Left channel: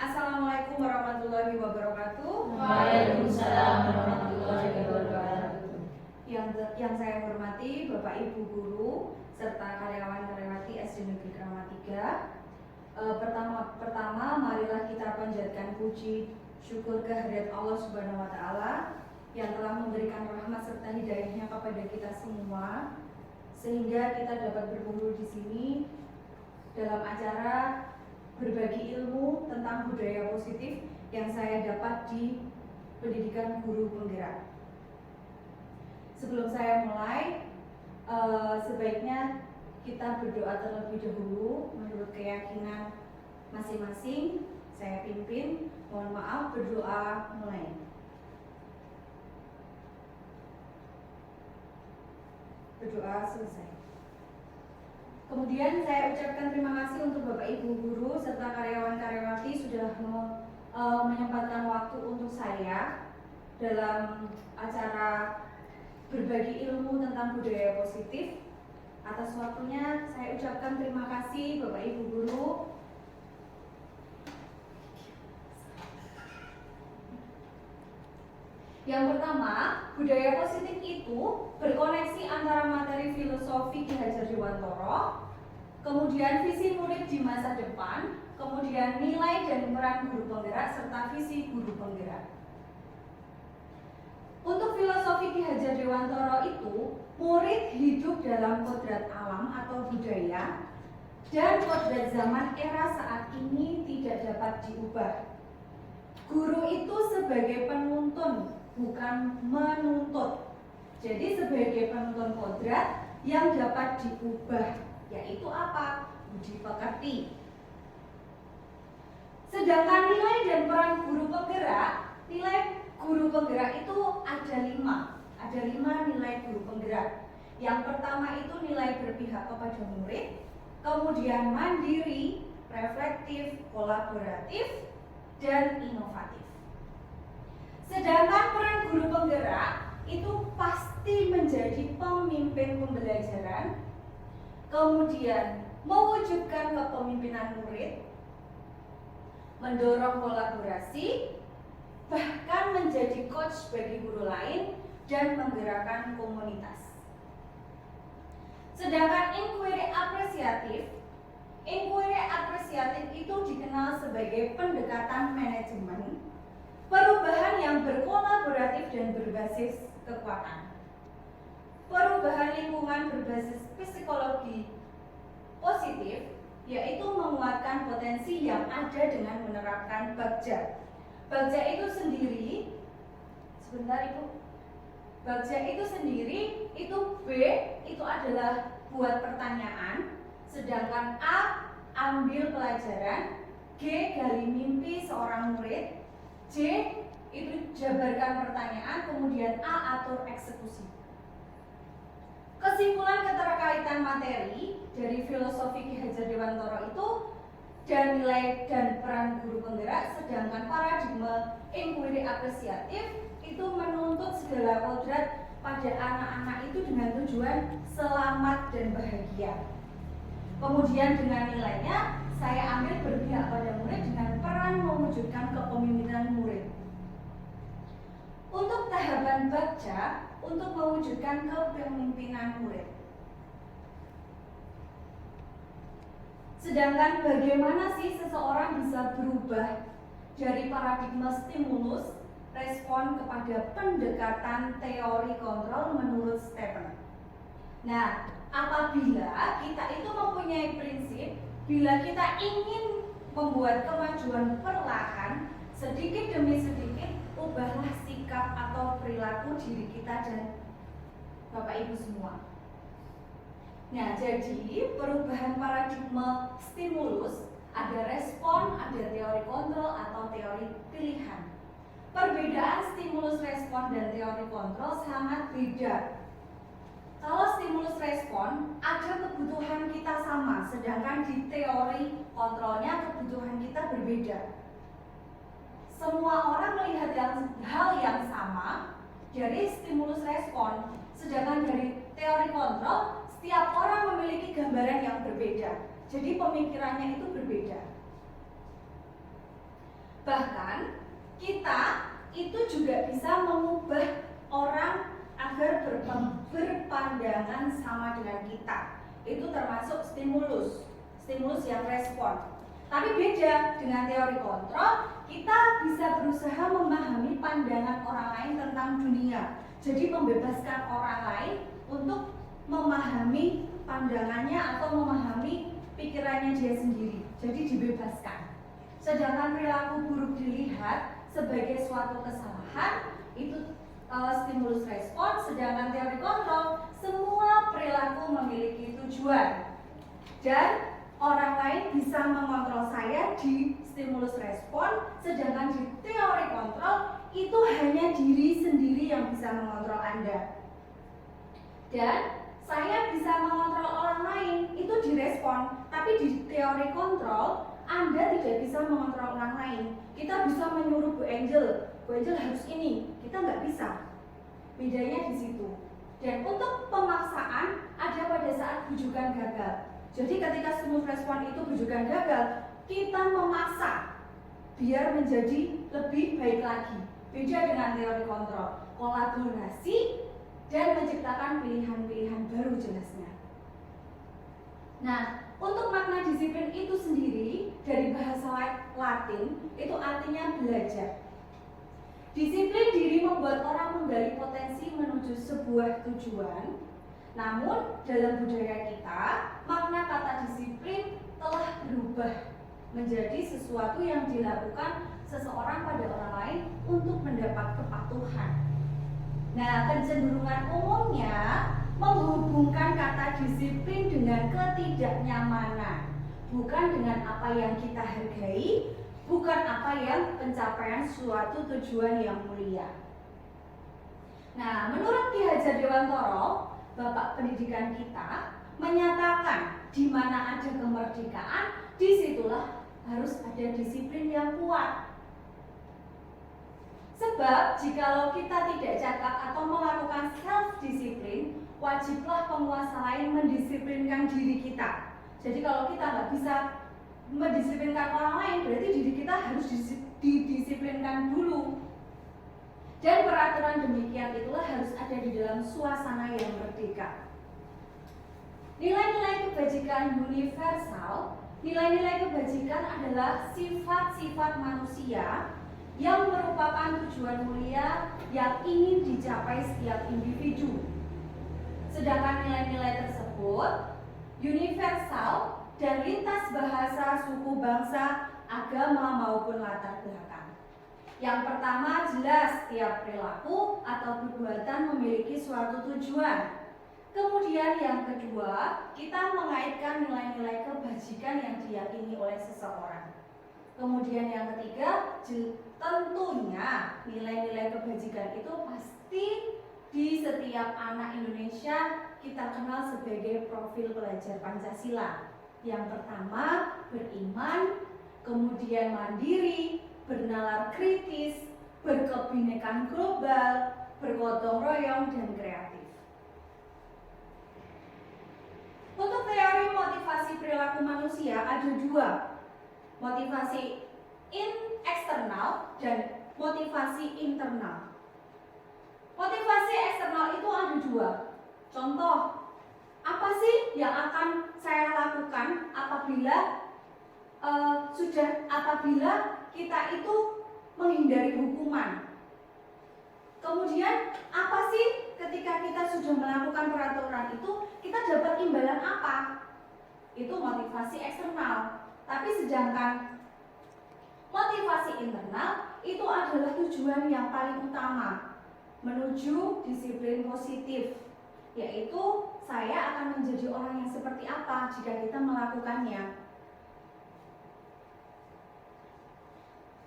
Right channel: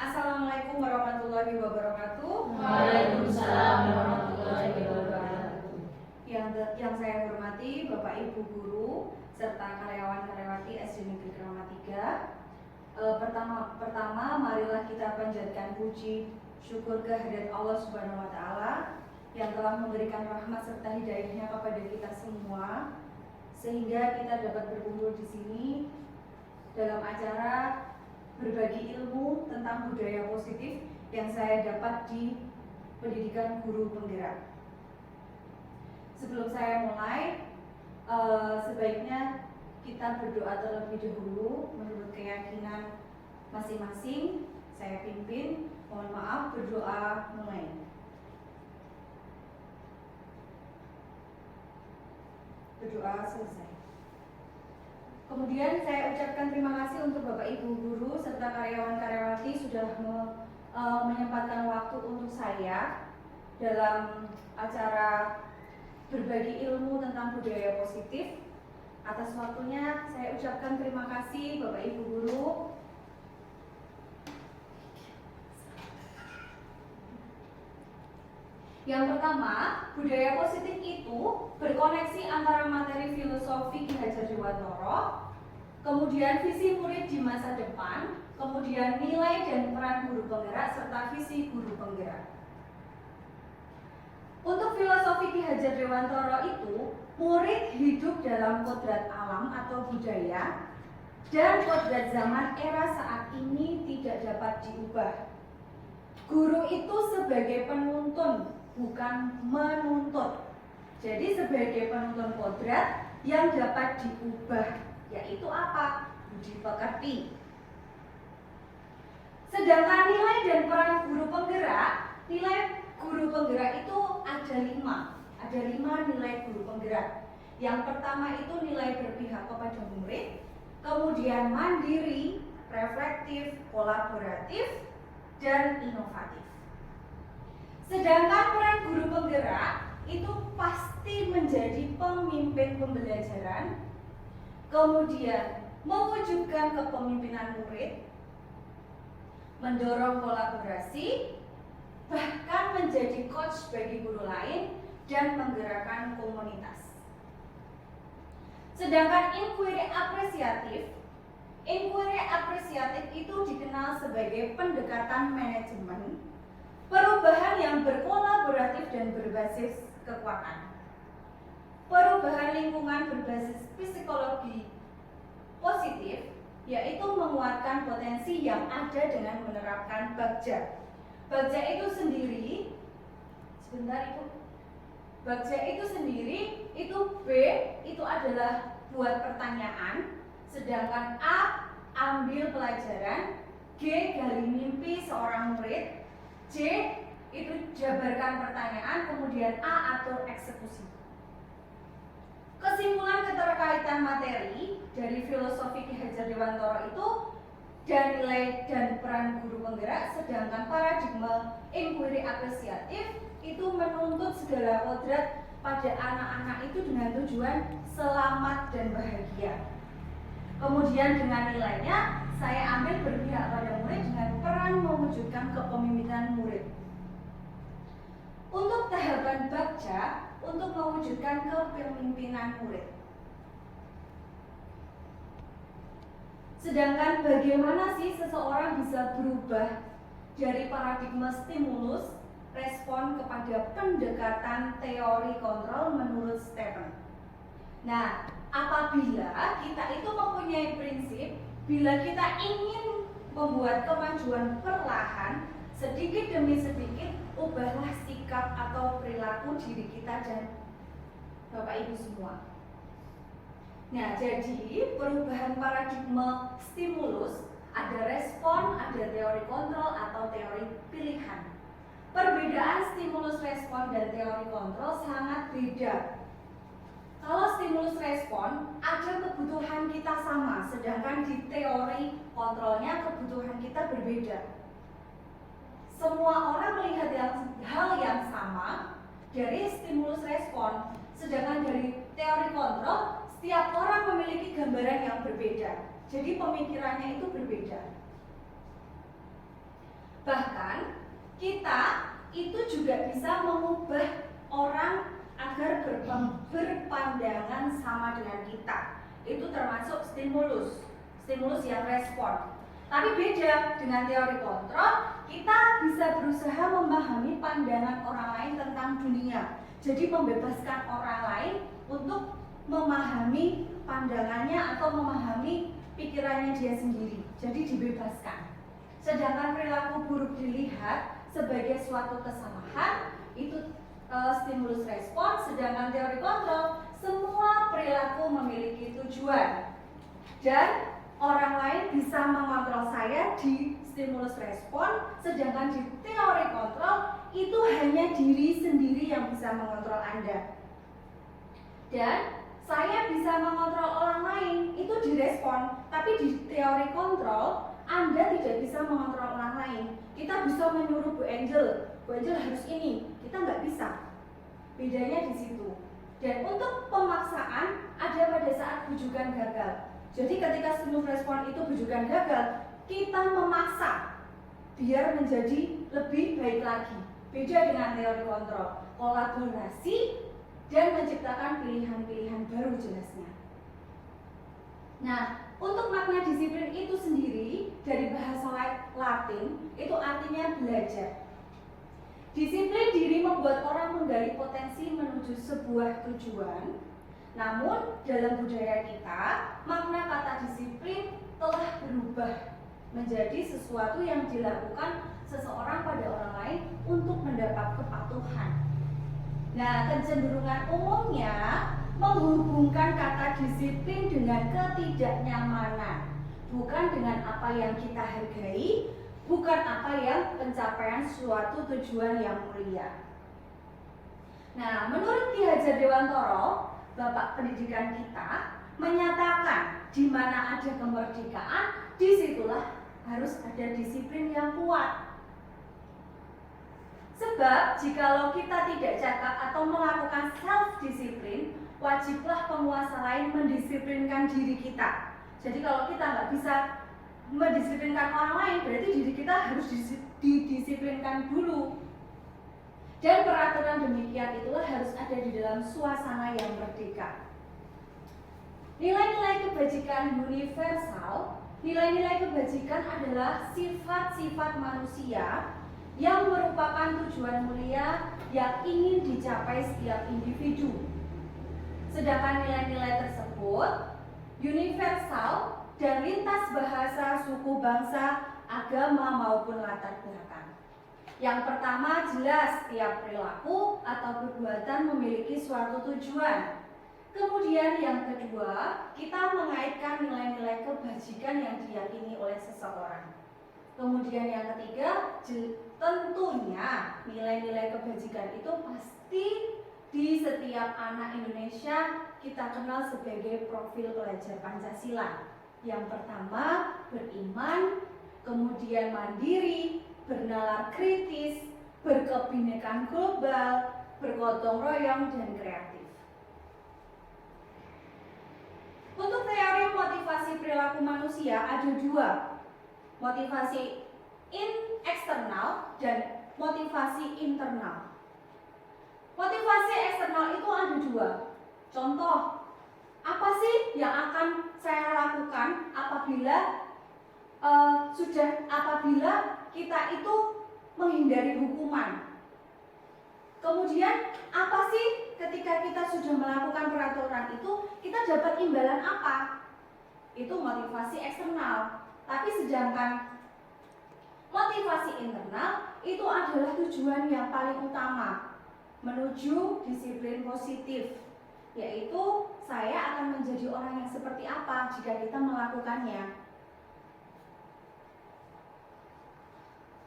Assalamualaikum warahmatullahi wabarakatuh. Waalaikumsalam warahmatullahi wabarakatuh. Yang saya hormati Bapak Ibu guru serta karyawan-karyawati SD Negeri Kramat 3. Pertama, marilah kita panjatkan puji syukur kehadirat Allah Subhanahu wa taala yang telah memberikan rahmat serta hidayahnya kepada kita semua sehingga kita dapat berkumpul di sini dalam acara berbagi ilmu tentang budaya positif yang saya dapat di pendidikan guru penggerak. Sebelum saya mulai, sebaiknya kita berdoa terlebih dahulu menurut keyakinan masing-masing. Saya pimpin, mohon maaf, berdoa mulai. Berdoa selesai. Kemudian saya ucapkan terima kasih untuk Bapak Ibu guru serta karyawan-karyawati sudah menyempatkan waktu untuk saya dalam acara berbagi ilmu tentang budaya positif. Atas waktunya saya ucapkan terima kasih Bapak Ibu guru. Yang pertama, budaya positif itu berkoneksi antara materi filosofi Ki Hajar Dewantara, kemudian visi murid di masa depan, kemudian nilai dan peran guru penggerak, serta visi guru penggerak. Untuk filosofi Ki Hajar Dewantara itu, murid hidup dalam kodrat alam atau budaya, dan kodrat zaman era saat ini tidak dapat diubah. Guru itu sebagai penuntun, bukan menuntut. Jadi sebagai penuntun kodrat yang dapat diubah, yaitu apa? Budi pekerti. Sedangkan nilai dan peran guru penggerak, nilai guru penggerak itu ada 5. Ada 5 nilai guru penggerak. Yang pertama itu nilai berpihak kepada murid, kemudian mandiri, reflektif, kolaboratif, dan inovatif. Sedangkan peran guru penggerak itu pasti menjadi pemimpin pembelajaran, kemudian mewujudkan kepemimpinan murid, mendorong kolaborasi, bahkan menjadi coach bagi guru lain dan menggerakkan komunitas. Sedangkan inquiry apresiatif itu dikenal sebagai pendekatan manajemen, perubahan yang berkolaboratif dan berbasis kekuatan. Perubahan lingkungan berbasis psikologi positif, yaitu menguatkan potensi yang ada dengan menerapkan Bagja. Bagja itu sendiri, Bagja itu sendiri, itu B, itu adalah buat pertanyaan, sedangkan A, ambil pelajaran, G, gali mimpi seorang murid, C, itu jabarkan pertanyaan, kemudian A, atur eksekusi. Kesimpulan keterkaitan materi dari filosofi Ki Hajar Dewantara itu dan nilai dan peran guru penggerak, sedangkan paradigma inquiry apresiatif itu menuntut segala kodrat pada anak-anak itu dengan tujuan selamat dan bahagia. Kemudian dengan nilainya saya ambil berpihak pada murid dengan peran mewujudkan kepemimpinan murid. Untuk tahapan Bagja, untuk mewujudkan kepemimpinan murid. Sedangkan bagaimana sih seseorang bisa berubah dari paradigma stimulus respon kepada pendekatan teori kontrol menurut Stephen. Nah, apabila kita itu mempunyai prinsip, bila kita ingin membuat kemajuan perlahan, sedikit demi sedikit, ubahlah sikap atau perilaku diri kita dan Bapak Ibu semua. Nah, jadi perubahan paradigma stimulus, ada respon, ada teori kontrol atau teori pilihan. Perbedaan stimulus respon dan teori kontrol sangat beda. Kalau stimulus respon, ada kebutuhan kita sama, sedangkan di teori kontrolnya kebutuhan kita berbeda. Semua orang melihat hal yang sama dari stimulus respon, sedangkan dari teori kontrol setiap orang memiliki gambaran yang berbeda. Jadi pemikirannya itu berbeda. Bahkan kita itu juga bisa mengubah orang agar berpandangan sama dengan kita. Itu termasuk stimulus yang respon. Tapi beda dengan teori kontrol, kita bisa berusaha memahami pandangan orang lain tentang dunia. Jadi membebaskan orang lain untuk memahami pandangannya atau memahami pikirannya dia sendiri. Jadi dibebaskan. Sedangkan perilaku buruk dilihat sebagai suatu kesalahan, itu stimulus respon. Sedangkan teori kontrol, semua perilaku memiliki tujuan. Dan orang lain bisa mengontrol saya di stimulus respon, sedangkan di teori kontrol itu hanya diri sendiri yang bisa mengontrol Anda. Dan saya bisa mengontrol orang lain itu di respon, tapi di teori kontrol Anda tidak bisa mengontrol orang lain. Kita bisa menyuruh Bu Angel harus ini, kita nggak bisa. Bedanya di situ. Dan untuk pemaksaan ada pada saat bujukan gagal. Jadi ketika stimulus respon itu bujukan gagal, kita memaksa biar menjadi lebih baik lagi. Beda dengan teori kontrol, kolaborasi dan menciptakan pilihan-pilihan baru jelasnya. Nah, untuk makna disiplin itu sendiri dari bahasa Latin itu artinya belajar. Disiplin diri membuat orang menggali potensi menuju sebuah tujuan. Namun dalam budaya kita, makna kata disiplin telah berubah menjadi sesuatu yang dilakukan seseorang pada orang lain untuk mendapat kepatuhan. Nah, kecenderungan umumnya menghubungkan kata disiplin dengan ketidaknyamanan, bukan dengan apa yang kita hargai, bukan apa yang pencapaian suatu tujuan yang mulia. Nah, menurut Ki Hajar Dewantoro, Bapak pendidikan kita, menyatakan di mana ada kemerdekaan, disitulah harus ada disiplin yang kuat. Sebab jikalau kita tidak cakap atau melakukan self-disiplin, wajiblah penguasa lain mendisiplinkan diri kita. Jadi kalau kita nggak bisa mendisiplinkan orang lain, berarti diri kita harus didisiplinkan dulu. Dan peraturan demikian itulah harus ada di dalam suasana yang merdeka. Nilai-nilai kebajikan universal, nilai-nilai kebajikan adalah sifat-sifat manusia yang merupakan tujuan mulia yang ingin dicapai setiap individu. Sedangkan nilai-nilai tersebut universal dan lintas bahasa, suku, bangsa, agama maupun latar belakang. Yang pertama, jelas setiap perilaku atau perbuatan memiliki suatu tujuan. Kemudian yang kedua, kita mengaitkan nilai-nilai kebajikan yang diyakini oleh seseorang. Kemudian yang ketiga, tentunya nilai-nilai kebajikan itu pasti di setiap anak Indonesia kita kenal sebagai profil pelajar Pancasila. Yang pertama, beriman, kemudian mandiri, bernalar kritis, berkebinekaan global, bergotong royong, dan kreatif. Untuk teori motivasi perilaku manusia ada dua, motivasi eksternal dan motivasi internal. Motivasi eksternal itu ada dua. Contoh, apa sih yang akan saya lakukan apabila kita itu menghindari hukuman? Kemudian apa sih ketika kita sudah melakukan peraturan itu kita dapat imbalan apa? Itu motivasi eksternal. Tapi sedangkan motivasi internal itu adalah tujuan yang paling utama menuju disiplin positif, yaitu saya akan menjadi orang yang seperti apa jika kita melakukannya.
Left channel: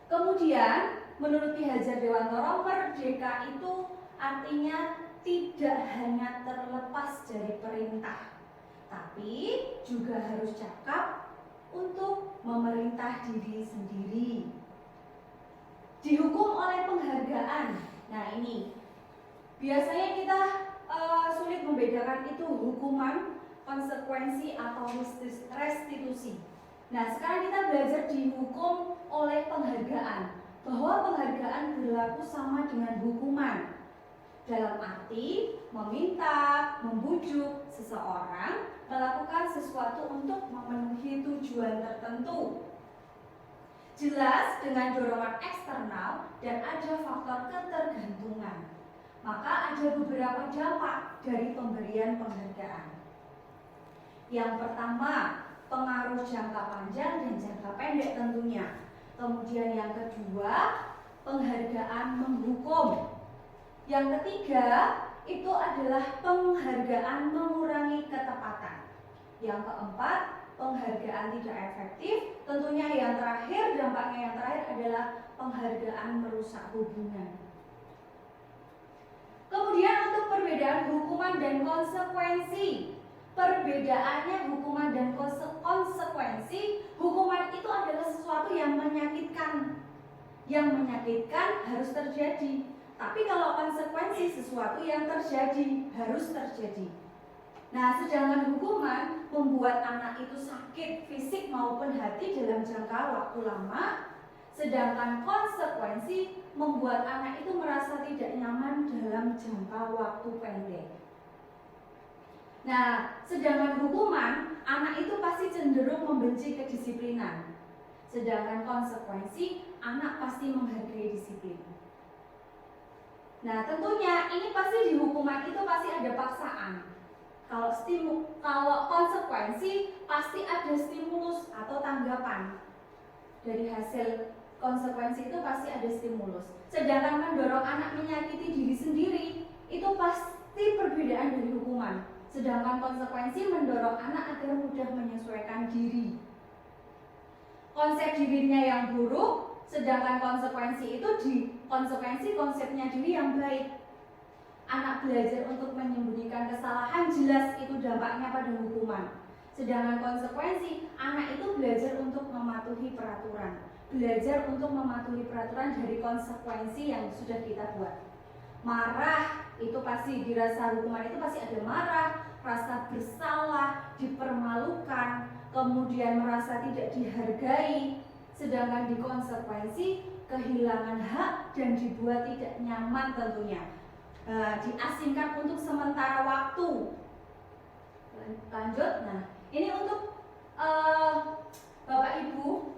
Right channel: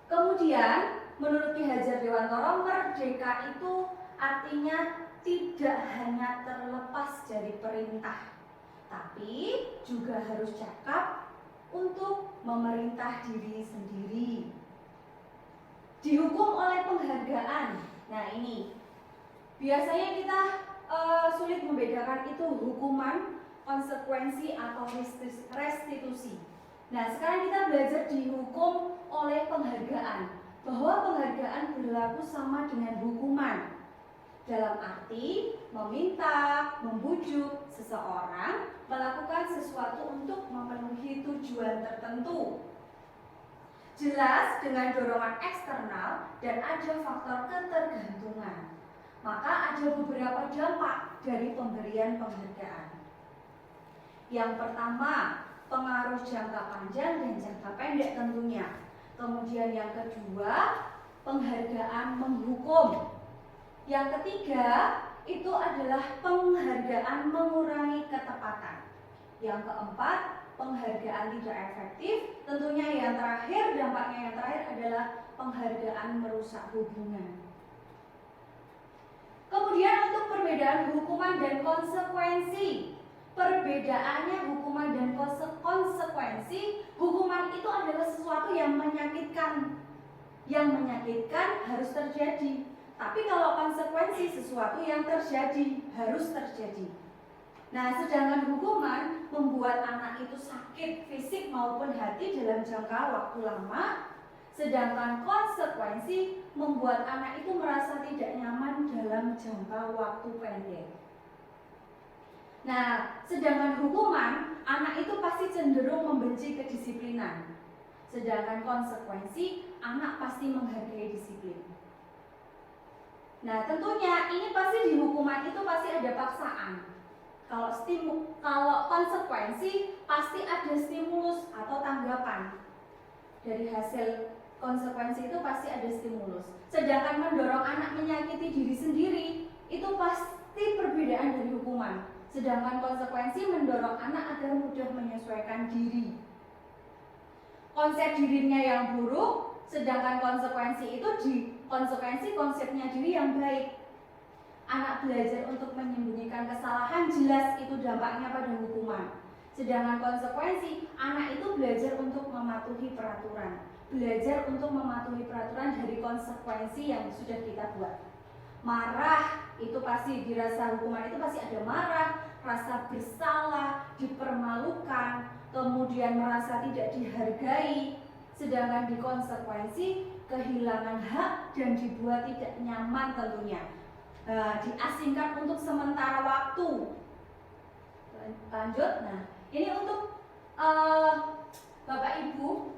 Kemudian menurut Ki Hajar Dewantoro, merdeka itu artinya tidak hanya terlepas dari perintah, tapi juga harus cakap untuk memerintah diri sendiri. Dihukum oleh penghargaan. Nah ini biasanya kita sulit membedakan itu hukuman, konsekuensi atau restitusi. Nah, sekarang kita belajar dihukum oleh penghargaan, bahwa penghargaan berlaku sama dengan hukuman. Dalam arti meminta, membujuk seseorang melakukan sesuatu untuk memenuhi tujuan tertentu. Jelas dengan dorongan eksternal dan ada faktor ketergantungan. Maka ada beberapa dampak dari pemberian penghargaan. Yang pertama, pengaruh jangka panjang dan jangka pendek tentunya. Kemudian yang kedua, penghargaan menghukum. Yang ketiga, itu adalah penghargaan mengurangi ketepatan. Yang keempat, penghargaan tidak efektif. Tentunya yang terakhir, dampaknya yang terakhir adalah penghargaan merusak hubungan. Kemudian untuk perbedaan hukuman dan konsekuensi. Perbedaannya hukuman dan konsekuensi. Hukuman itu adalah sesuatu yang menyakitkan. Yang menyakitkan harus terjadi. Tapi kalau konsekuensi sesuatu yang terjadi harus terjadi. Nah, sedangkan hukuman membuat anak itu sakit fisik maupun hati dalam jangka waktu lama. Sedangkan konsekuensi membuat anak itu merasa tidak nyaman dalam jangka waktu pendek. Nah, sedangkan hukuman, anak itu pasti cenderung membenci kedisiplinan. Sedangkan konsekuensi, anak pasti menghargai disiplin. Nah, tentunya ini pasti di hukuman itu pasti ada paksaan. Kalau konsekuensi pasti ada stimulus atau tanggapan. Dari hasil konsekuensi itu pasti ada stimulus. Sedangkan mendorong anak menyakiti diri sendiri itu pasti perbedaan dari hukuman. Sedangkan konsekuensi mendorong anak agar mudah menyesuaikan diri. Konsep dirinya yang buruk, sedangkan konsekuensi itu konsepnya diri yang baik. Anak belajar untuk menyembunyikan kesalahan, jelas itu dampaknya pada hukuman. Sedangkan konsekuensi, anak itu belajar untuk mematuhi peraturan. Belajar untuk mematuhi peraturan dari konsekuensi yang sudah kita buat. Marah, itu pasti dirasa hukuman itu pasti ada marah, rasa bersalah, dipermalukan, kemudian merasa tidak dihargai. Sedangkan di konsekuensi, kehilangan hak dan dibuat tidak nyaman tentunya. Diasingkan untuk sementara waktu. Lanjut, nah ini untuk Bapak Ibu,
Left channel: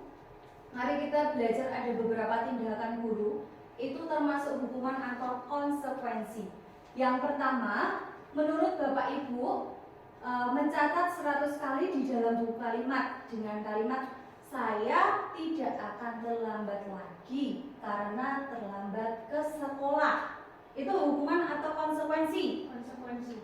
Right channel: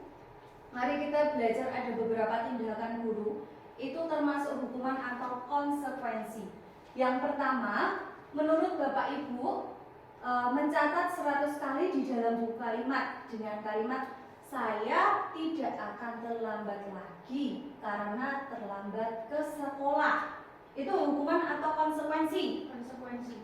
mari kita belajar ada beberapa tindakan guru. Itu termasuk hukuman atau konsekuensi. Yang pertama, menurut Bapak Ibu mencatat 100 kali di dalam buku kalimat dengan kalimat saya tidak akan terlambat lagi karena terlambat ke sekolah. Itu hukuman atau konsekuensi? Konsekuensi.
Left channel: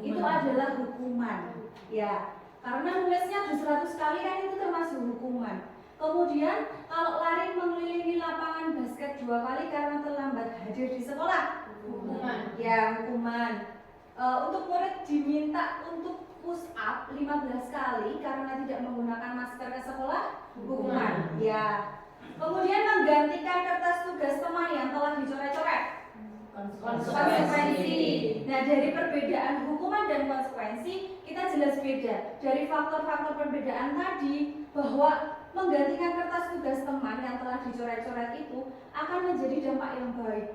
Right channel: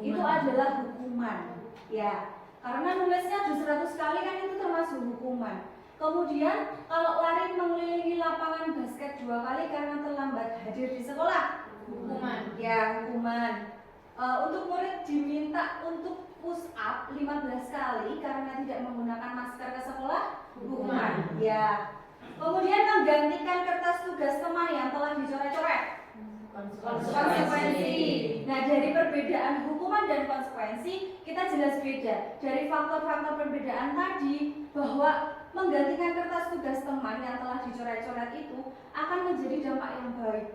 Itu adalah hukuman. Ya, karena nulisnya di 100 kali kan itu termasuk hukuman. Kemudian kalau lari mengelilingi lapangan basket 2 kali karena terlambat hadir di sekolah, hukuman. Ya, hukuman. Untuk murid diminta untuk push up 15 kali karena tidak menggunakan masker ke sekolah, hukuman. Ya. Kemudian menggantikan kertas tugas teman yang telah dicoret-coret, konsekuensi. Nah, dari perbedaan hukuman dan konsekuensi kita jelas beda. Dari faktor-faktor perbedaan tadi, bahwa menggantikan kertas tugas teman yang telah dicoret-coret itu akan menjadi dampak yang baik,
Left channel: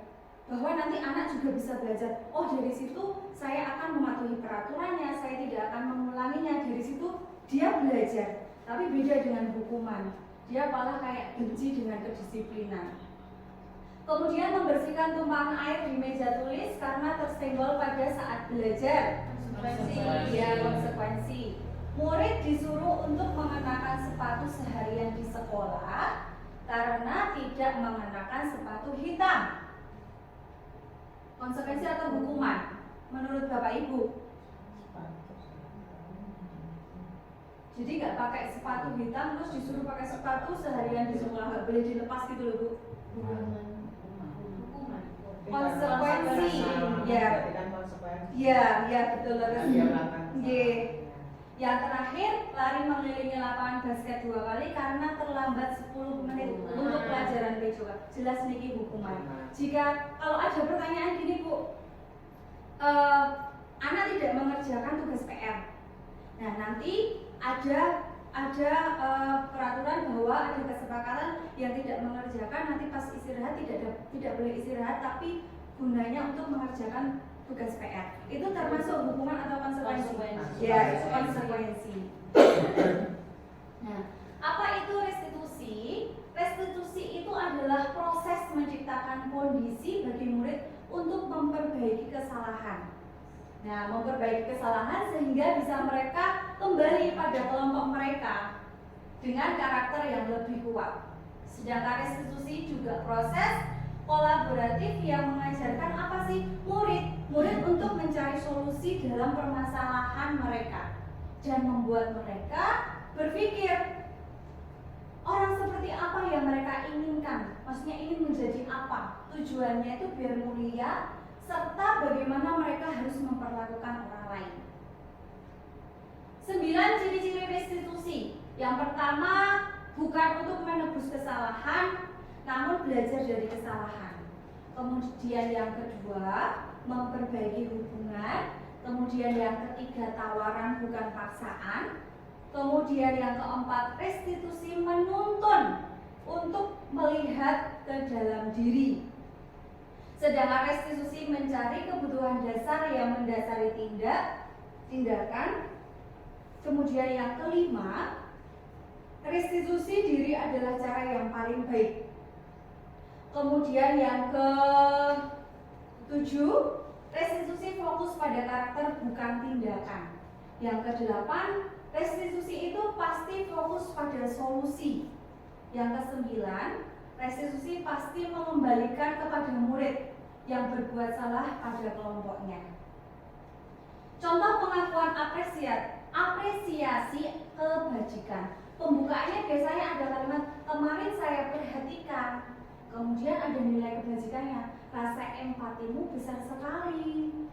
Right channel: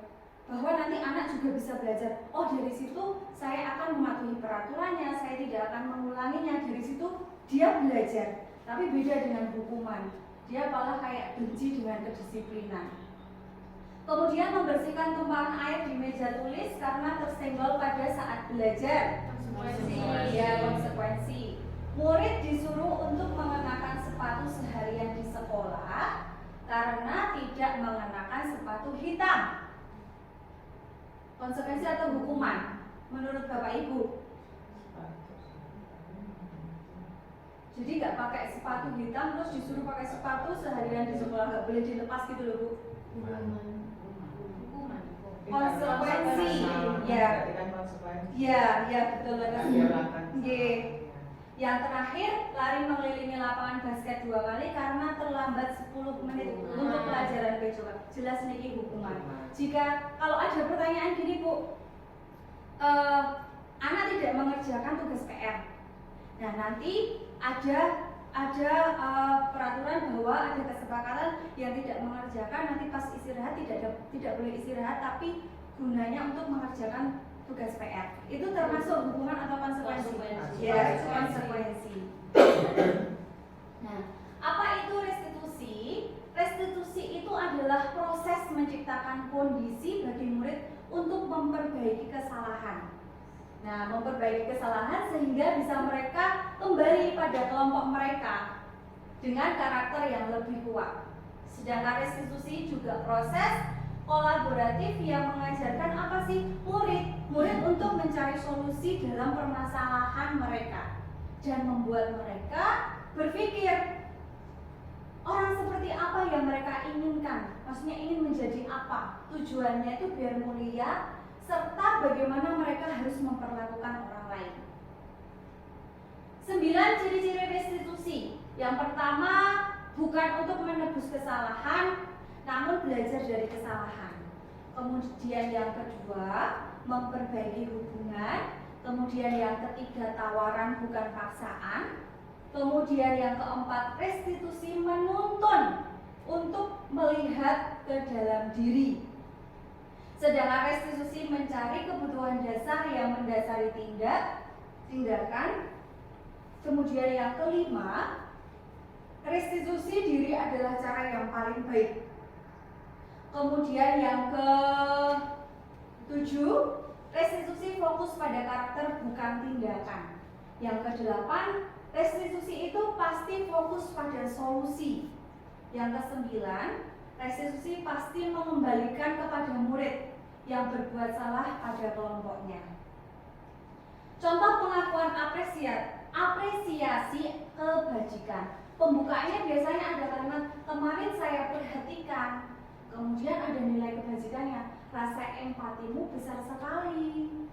bahwa nanti anak juga bisa belajar. Oh, dari situ saya akan mematuhi peraturannya, saya tidak akan mengulanginya. Dari situ dia belajar. Tapi beda dengan hukuman, dia malah kayak benci dengan kedisiplinan. Kemudian membersihkan tumpahan air di meja tulis karena tersenggol pada saat belajar, konsekuensi. Ya, konsekuensi. Murid disuruh untuk mengenakan sepatu seharian di sekolah karena tidak mengenakan sepatu hitam. Konsekuensi atau hukuman menurut Bapak Ibu? Jadi nggak pakai sepatu hitam terus disuruh pakai sepatu seharian di sekolah, nggak boleh dilepas gitu loh Bu? Konsekuensi. Ya betul banget. Yang terakhir, lari mengelilingi lapangan basket 2 kali karena terlambat 10 menit untuk pelajaran BCK. Jelas ini hukuman. Jika kalau ada pertanyaan gini Bu, anak tidak mengerjakan tugas PR. Nah, nanti ada ada peraturan bahwa ada kesepakatan yang tidak mengerjakan nanti pas istirahat tidak boleh istirahat, tapi gunanya untuk mengerjakan tugas PR. Itu termasuk hukuman atau konsekuensi? Ya, konsekuensi. Nah, apa itu restitusi? Restitusi itu adalah proses menciptakan kondisi bagi murid untuk memperbaiki kesalahan. Nah, memperbaiki kesalahan sehingga bisa mereka kembali pada kelompok mereka dengan karakter yang lebih kuat. Sedangkan restitusi juga proses kolaboratif yang mengajarkan apa sih? Murid untuk mencari solusi dalam permasalahan mereka dan membuat mereka berpikir orang seperti apa yang mereka inginkan. Maksudnya ingin menjadi apa? Tujuannya itu biar mulia, serta bagaimana mereka harus memperlakukan orang lain. 9 ciri-ciri restitusi. Yang pertama, bukan untuk menebus kesalahan, namun belajar dari kesalahan. Kemudian yang kedua, memperbaiki hubungan. Kemudian yang ketiga, tawaran bukan paksaan. Kemudian yang keempat, restitusi menuntun untuk melihat ke dalam diri. Sedangkan restitusi mencari kebutuhan dasar yang mendasari tindakan. Kemudian yang kelima, restitusi diri adalah cara yang paling baik. Kemudian yang ke-7, restitusi fokus pada karakter bukan tindakan. Yang ke-8, restitusi itu pasti fokus pada solusi. Yang ke-9, restitusi pasti mengembalikan kepada murid yang berbuat salah pada kelompoknya. Contoh pengakuan apresiasi kebajikan. Pembukanya biasanya ada kalimat kemarin saya perhatikan. Kemudian ada nilai kebajikannya, rasa empatimu besar sekali.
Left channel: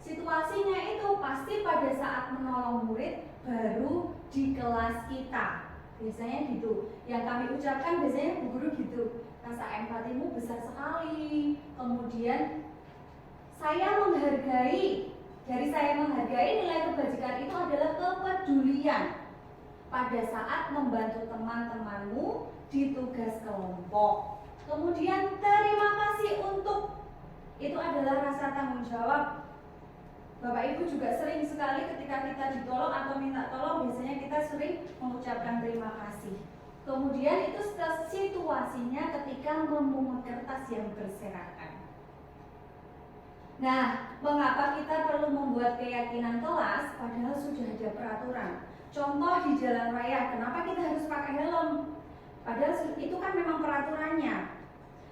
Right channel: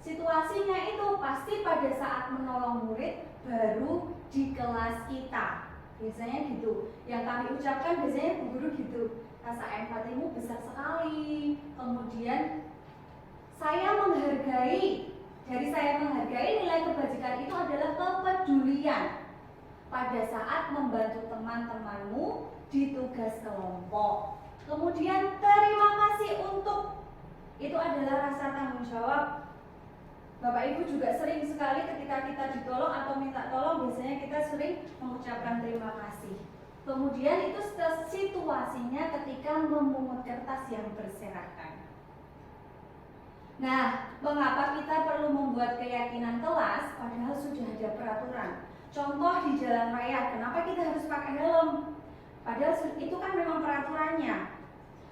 Situasinya itu pasti pada saat menolong murid baru di kelas kita. Biasanya gitu. Yang kami ucapkan biasanya bu guru gitu. Rasa empatimu besar sekali. Kemudian saya menghargai. Dari saya menghargai, nilai kebajikan itu adalah kepedulian pada saat membantu teman-temanmu di tugas kelompok. Kemudian terima kasih untuk, itu adalah rasa tanggung jawab. Bapak Ibu juga sering sekali ketika kita ditolong atau minta tolong, biasanya kita sering mengucapkan terima kasih. Kemudian itu situasinya ketika memungut kertas yang berserakan. Nah, mengapa kita perlu membuat keyakinan kelas padahal sudah ada peraturan? Contoh di jalan raya, kenapa kita harus pakai helm? Padahal itu kan memang peraturannya.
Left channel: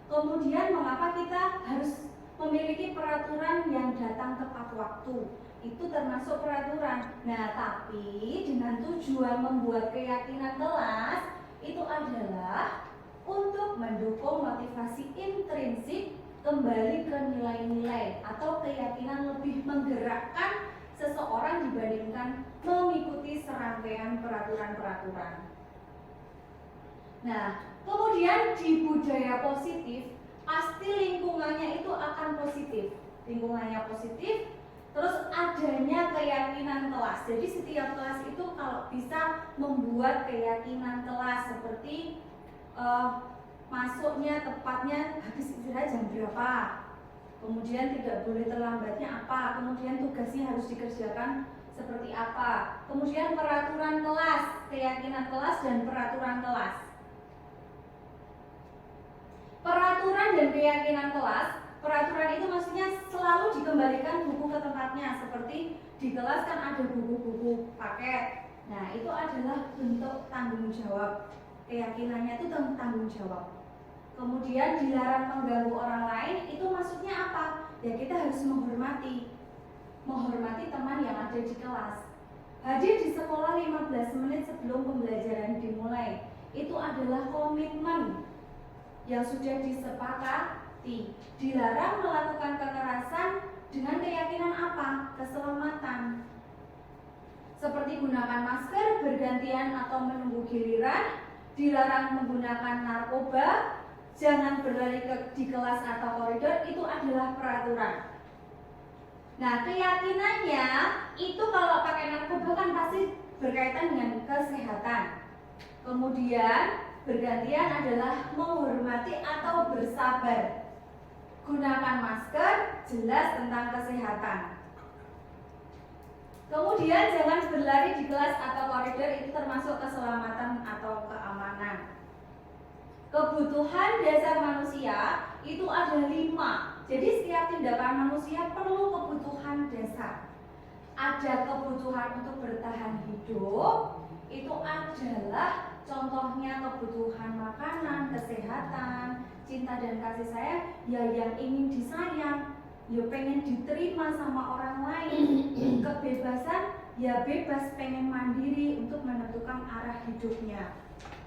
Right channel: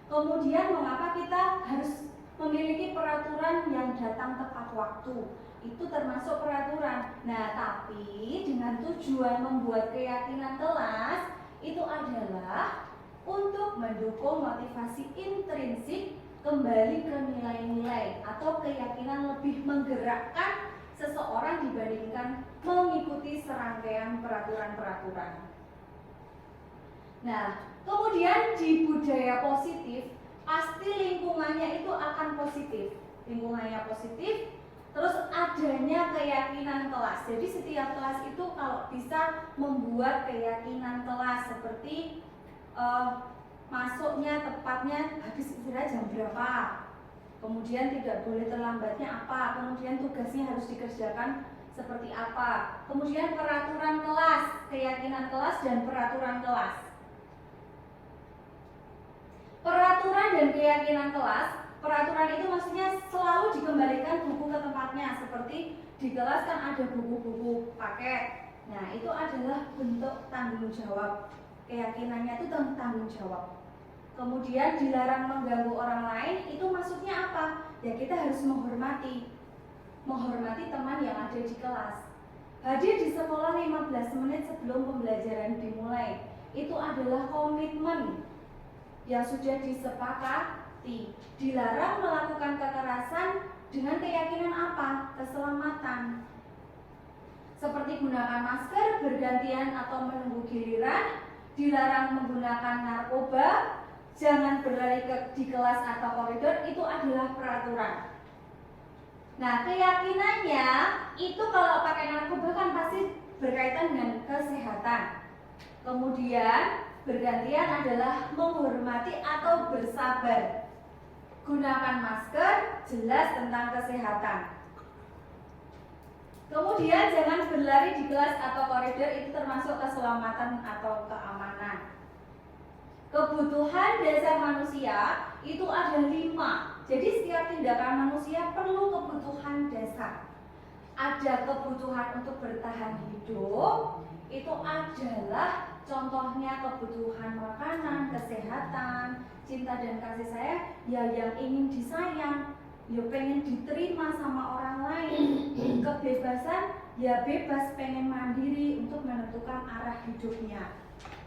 Kemudian mengapa kita harus memiliki peraturan yang datang tepat waktu? Itu termasuk peraturan. Nah, tapi dengan tujuan membuat keyakinan kelas itu adalah untuk mendukung motivasi intrinsik kembali ke nilai-nilai atau keyakinan lebih menggerakkan seseorang dibandingkan mengikuti serangkaian peraturan-peraturan. Nah, kemudian di budaya positif pasti lingkungannya itu akan positif. Lingkungannya positif, terus adanya keyakinan kelas. Jadi setiap kelas itu kalau bisa membuat keyakinan kelas seperti masuknya tepatnya habis istirahat jam berapa, kemudian tidak boleh terlambatnya apa, kemudian tugasnya harus dikerjakan seperti apa, kemudian peraturan kelas, keyakinan kelas dan peraturan kelas. Peraturan dan keyakinan kelas, peraturan itu maksudnya selalu dikembalikan buku ke tempatnya, seperti di kelas kan ada buku-buku paket. Nah, itu adalah bentuk tanggung jawab. Keyakinannya itu tanggung jawab. Kemudian dilarang mengganggu orang lain, itu maksudnya apa? Ya kita harus menghormati teman yang ada di kelas. Hadir di sekolah 15 menit sebelum pembelajaran dimulai. Itu adalah komitmen yang sudah disepakati. Dilarang melakukan kekerasan dengan keyakinan apa? Keselamatan. Seperti gunakan masker bergantian atau menunggu giliran. Dilarang menggunakan narkoba, jangan berlari di kelas atau koridor, itu adalah peraturan. Nah, keyakinannya itu kalau pakai narkoba kan pasti berkaitan dengan kesehatan. Kemudian bergantian adalah menghormati atau bersabar. Gunakan masker, jelas tentang kesehatan. Kemudian jangan berlari di kelas atau koridor, itu termasuk keselamatan atau keamanan. Kebutuhan dasar manusia itu ada 5. Jadi setiap tindakan manusia perlu kebutuhan dasar. Ada kebutuhan untuk bertahan hidup, itu adalah contohnya kebutuhan makanan, kesehatan, cinta dan kasih sayang, ya yang ingin disayang, ya pengen diterima sama orang lain. Kebebasan, ya bebas pengen mandiri untuk menentukan arah hidupnya.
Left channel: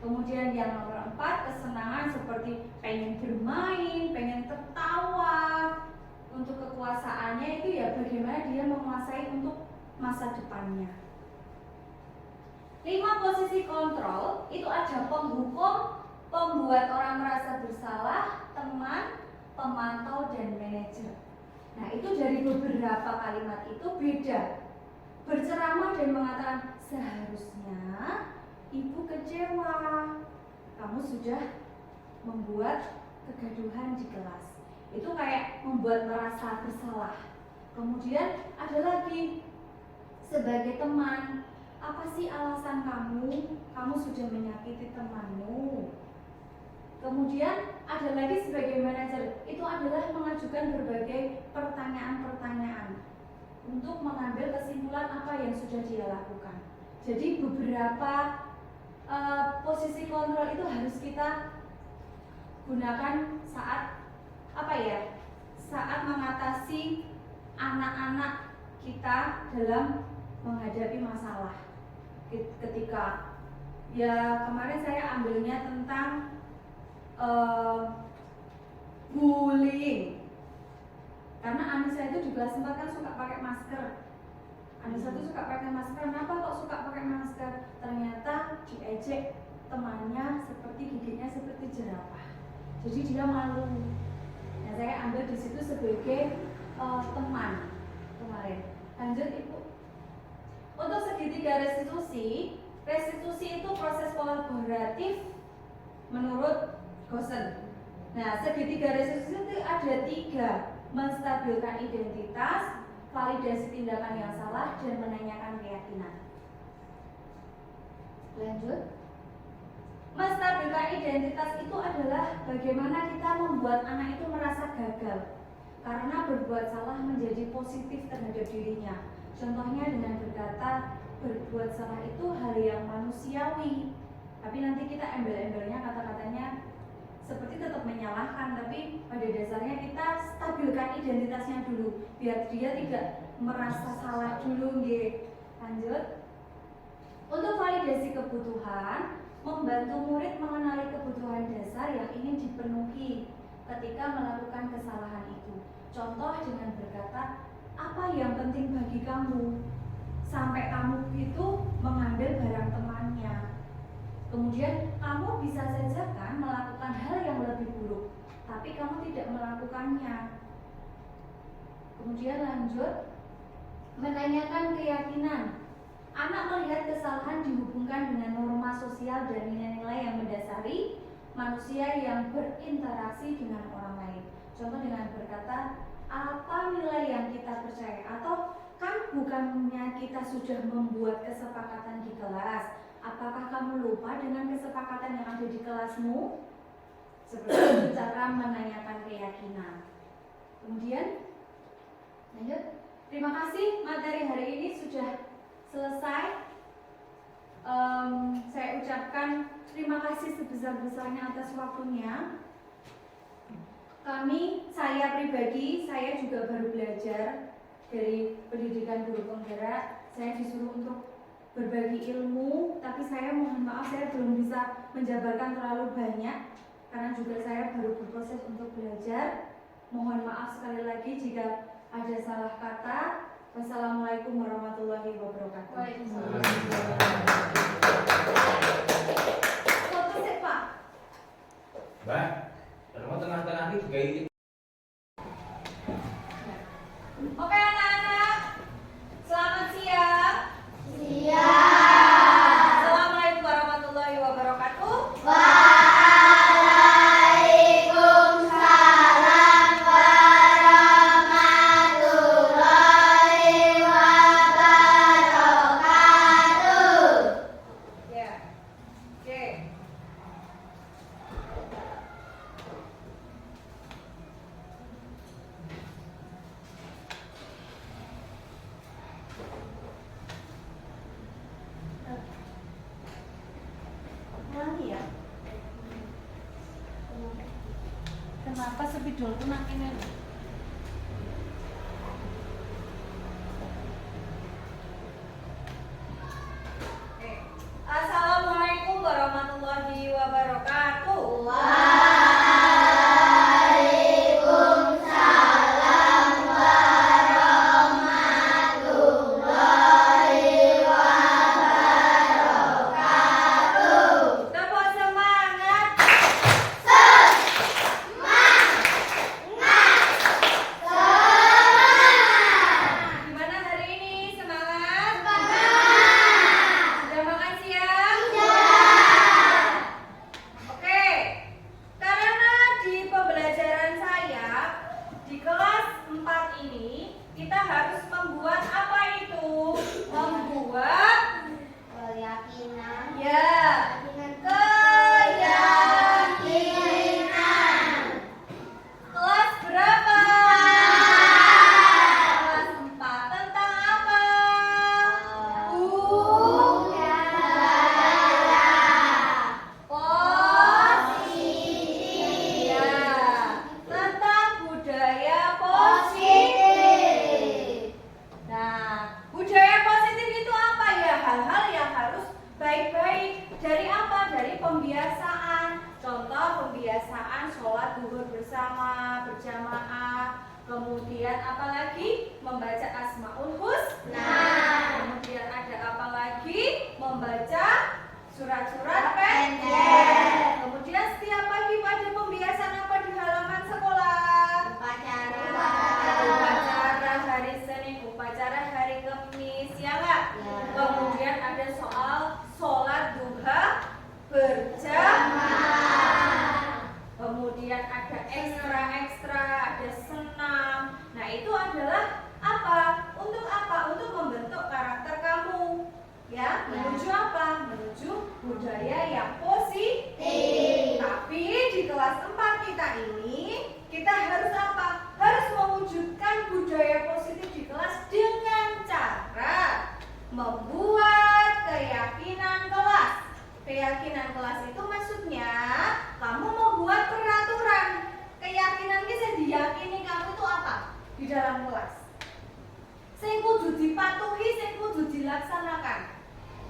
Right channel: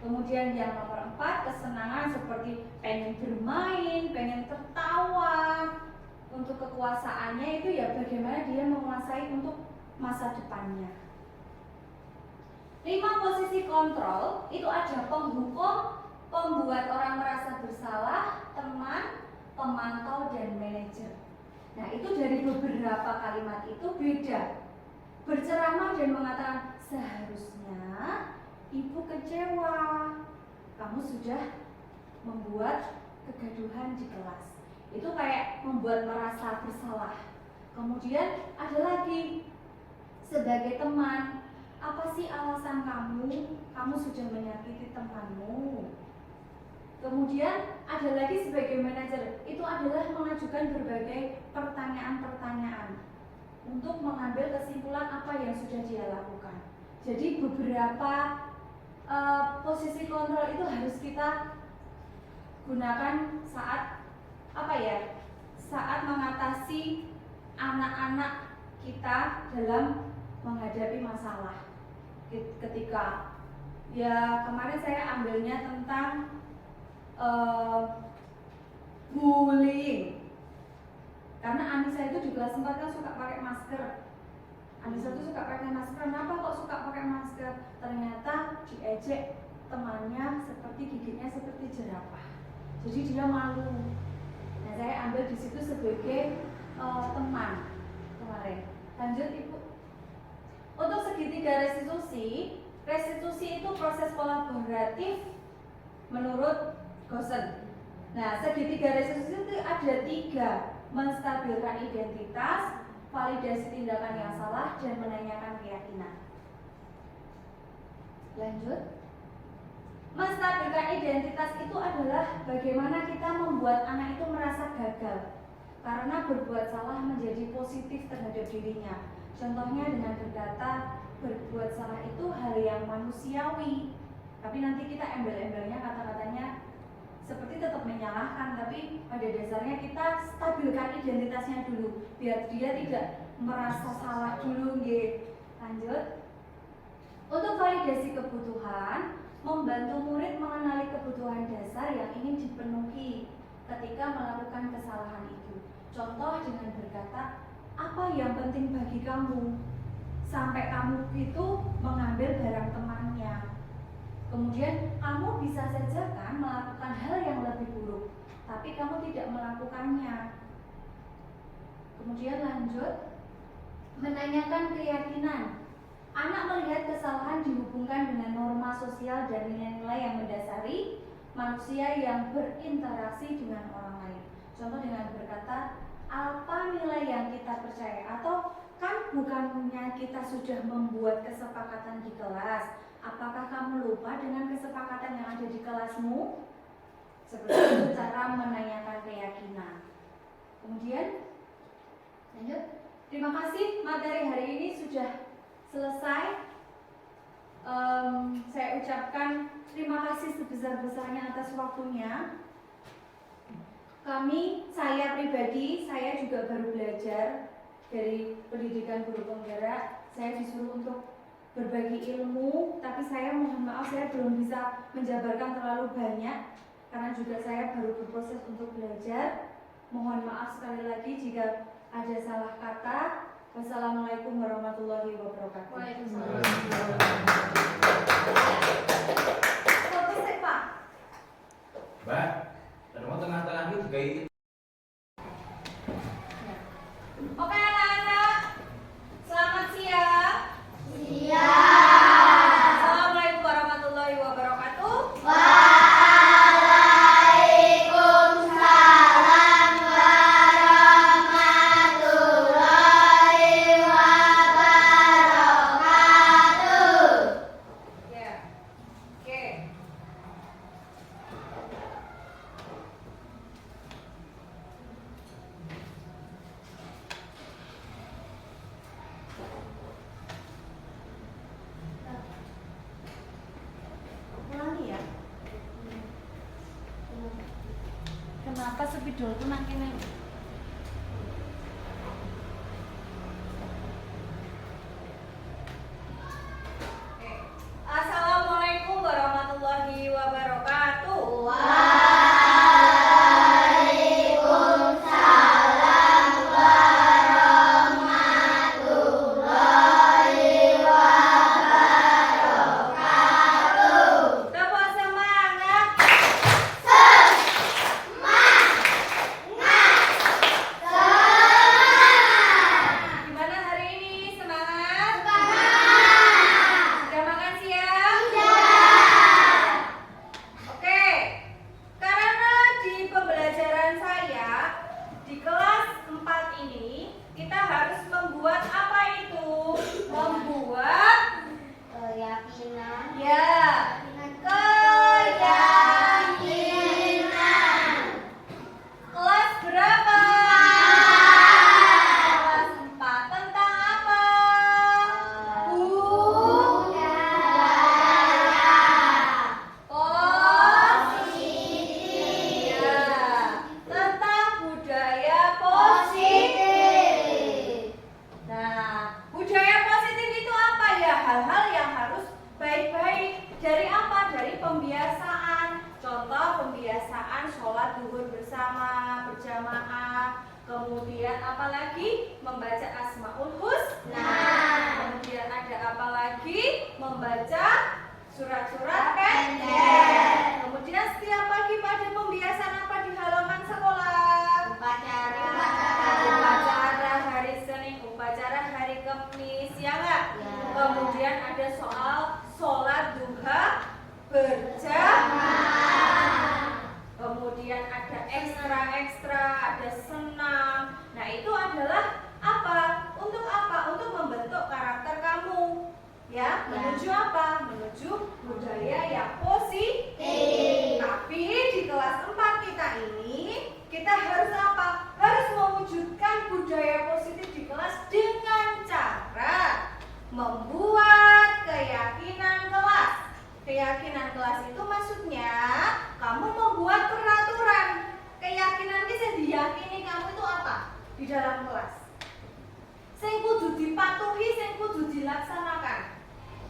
Kemudian yang nomor 4, kesenangan seperti pengen bermain, pengen tertawa. Untuk kekuasaannya itu ya bagaimana dia menguasai untuk masa depannya. 5 posisi kontrol itu ada penghukum, pembuat orang merasa bersalah, teman, pemantau, dan manajer. Nah, itu dari beberapa kalimat itu beda. Berceramah dan mengatakan seharusnya ibu kecewa, kamu sudah membuat kegaduhan di kelas. Itu kayak membuat merasa bersalah. Kemudian ada lagi sebagai teman, apa sih alasan kamu? Kamu sudah menyakiti temanmu. Kemudian ada lagi sebagai manajer, itu adalah mengajukan berbagai pertanyaan-pertanyaan untuk mengambil kesimpulan apa yang sudah dia lakukan. Jadi beberapa posisi kontrol itu harus kita gunakan saat saat mengatasi anak-anak kita dalam menghadapi masalah. Ketika ya kemarin saya ambilnya tentang bullying, karena Anissa itu juga sempat kan suka pakai masker. Anissa itu suka pakai masker. Kenapa kok suka pakai masker? Ternyata diejek temannya seperti giginya seperti jerapah. Jadi dia malu. Nah, saya ambil di situ sebagai teman kemarin. Lanjut Ibu. Untuk segitiga restitusi itu proses kolaboratif menurut Gosen. Nah, segitiga restitusi itu ada 3: menstabilkan identitas, validasi tindakan yang salah, dan menanyakan keyakinan. Lanjut. Menstabilkan identitas itu adalah bagaimana kita membuat anak itu merasa gagal karena berbuat salah menjadi positif terhadap dirinya. Contohnya dengan berkata berbuat salah itu hal yang manusiawi, tapi nanti kita embel-embelnya kata-katanya seperti tetap menyalahkan, tapi pada dasarnya kita stabilkan identitasnya dulu biar dia tidak merasa salah dulu. Lanjut. Untuk validasi kebutuhan, membantu murid mengenali kebutuhan dasar yang ingin dipenuhi ketika melakukan kesalahan itu. Contoh dengan berkata, apa yang penting bagi kamu sampai kamu itu mengambil barang temannya. Kemudian kamu bisa saja kan melakukan hal yang lebih buruk, tapi kamu tidak melakukannya. Kemudian lanjut, menanyakan keyakinan. Anak melihat kesalahan dihubungkan dengan norma sosial dan nilai-nilai yang mendasari manusia yang berinteraksi dengan orang lain. Contoh dengan berkata, apa nilai yang kita percaya? Atau kan bukannya kita sudah membuat kesepakatan di kelas? Apakah kamu lupa dengan kesepakatan yang ada di kelasmu? Seperti itu cara menanyakan keyakinan. Kemudian, lanjut. Terima kasih, materi hari ini sudah selesai. Saya ucapkan terima kasih sebesar-besarnya atas waktunya. Saya pribadi, saya juga baru belajar dari pendidikan guru penggerak. Saya disuruh untuk berbagi ilmu, tapi saya mohon maaf saya belum bisa menjabarkan terlalu banyak karena juga saya baru berproses untuk belajar. Mohon maaf sekali lagi jika ada salah kata. Wassalamualaikum warahmatullahi wabarakatuh. Waalaikumsalam. Fokus Pak. Mbak, rumah tengah-tengah ini juga ini. Oke anak-anak, selamat siang. Siap. sepidolku nang kene. Assalamualaikum warahmatullahi wabarakatuh. Tepuk semangat. Gimana hari ini? Semangat? Sudah makan siang? Oke. Karena di pembelajaran saya di kelas 4 ini kita harus membuat apa itu? Membuat Keyakinan. ya keyakinan. Kelas berapa? Kelas 4. Tentang apa? Positif. Ya, tentang budaya positif. Nah, budaya positif itu apa ya? Hal-hal yang harus baik-baik. Dari apa? Dari pembiasaan. Contoh pembiasaan sholat duhur bersama, berjamaah. Kemudian apa lagi? Membaca Asmaul Husna. Kemudian ada apa lagi? Membaca surat-surat pendek. Kemudian setiap pagi pada pembiasaan apa di halaman sekolah? Upacara hari Senin, upacara hari Kamis, ya enggak? Ya. Kemudian ada soal sholat duha berjamaah. Kemudian ada ekstra-ekstra, ada senam. Nah, itu adalah apa? Untuk apa? Untuk membentuk karakter kamu. Ya, menuju apa? Menuju budaya yang positif. Tapi di kelas 4 kita ini, kita harus apa? Harus mewujudkan budaya positif di kelas dengan cara membuat keyakinan kelas. Keyakinan kelas itu maksudnya kamu membuat peraturan. Keyakinan ini saya diyakini kamu itu apa di dalam kelas. Sing kudu dipatuhi, sing kudu dilaksanakan.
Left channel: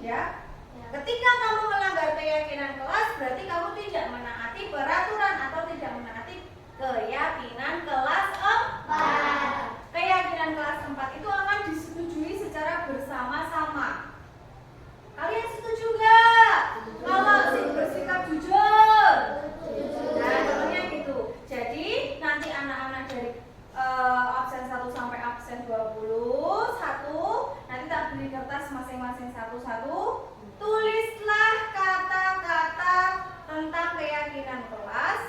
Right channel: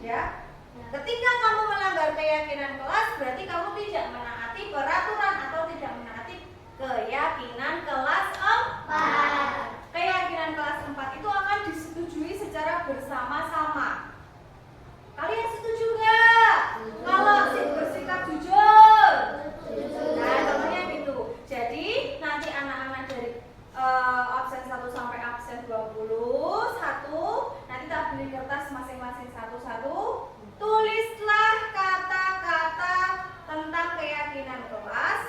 Ya. Ketika kamu melanggar keyakinan kelas, berarti kamu tidak menaati peraturan atau tidak menaati keyakinan kelas 4. Keyakinan kelas 4 itu akan disetujui secara bersama-sama. Kalian setuju nggak? Kalau sih bersikap jujur. Nah, contohnya gitu. Jadi nanti anak-anak dari absen 1 sampai absen 21, nanti tak beli kertas masing-masing satu-satu. Tulislah kata-kata tentang keyakinan kelas,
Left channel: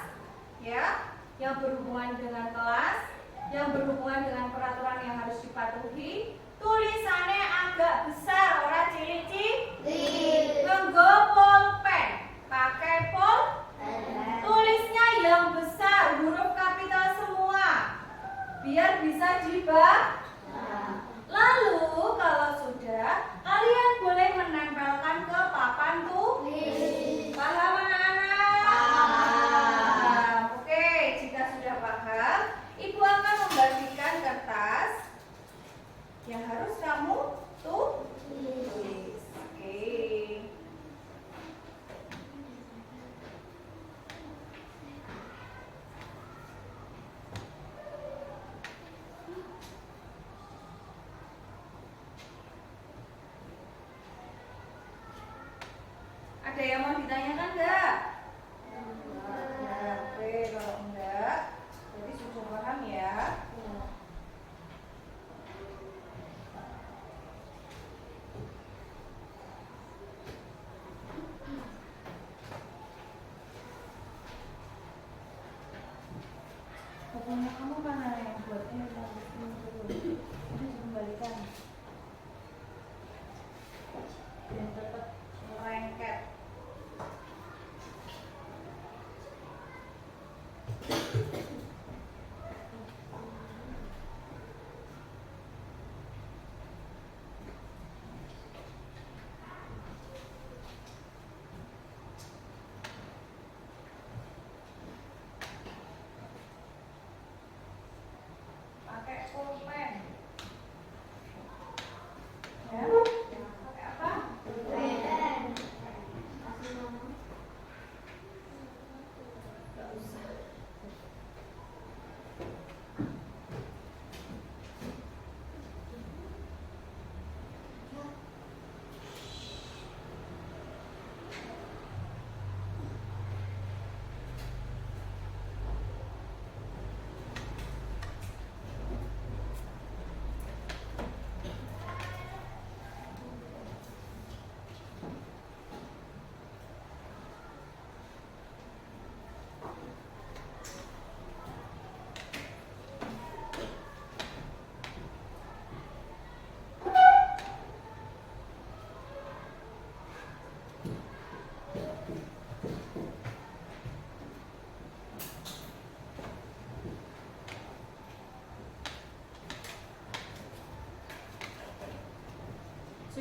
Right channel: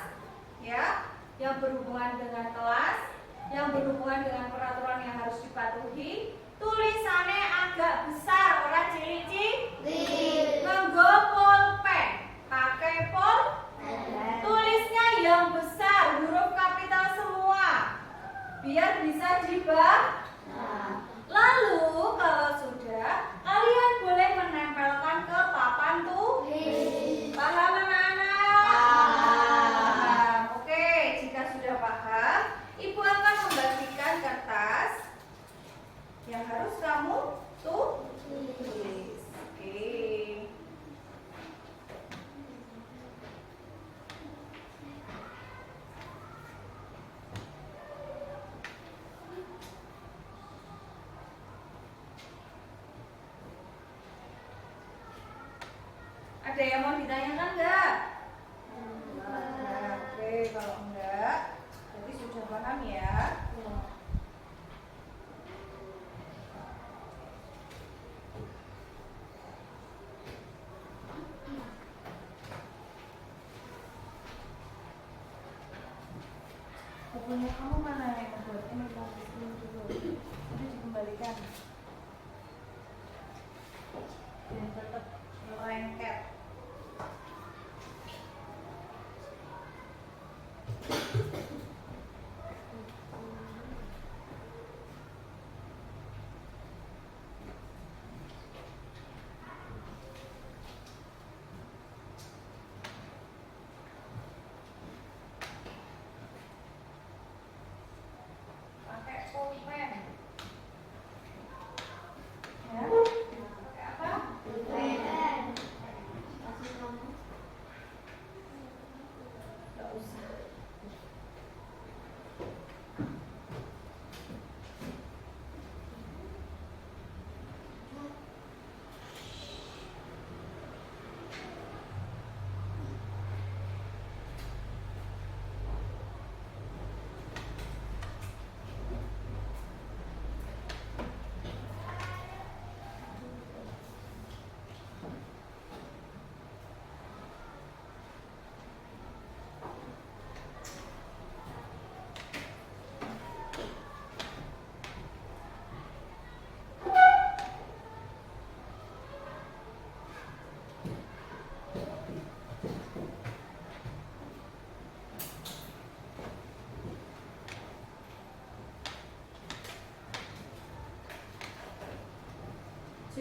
ya, yang berhubungan dengan kelas, yang berhubungan dengan peraturan yang harus dipatuhi. Tulisannya agak besar, ora cilik-cilik. Nganggo pulpen, pakai tulisnya yang besar, huruf kapital semua, biar bisa dibaca. Lalu kalau sudah, kalian boleh menempelkan ke papan tulis. Paham anak-anak? Paham. Oke, jika sudah paham, ibu akan membagikan kertas yang harus kamu tulis. Oke. Ada yang mau ditanyakan enggak? Oke, kalau enggak, jadi sudah paham ya. Bukunya kamu mana yang buat ini dulu? Ini dikembalikan. Dan tetap lengket.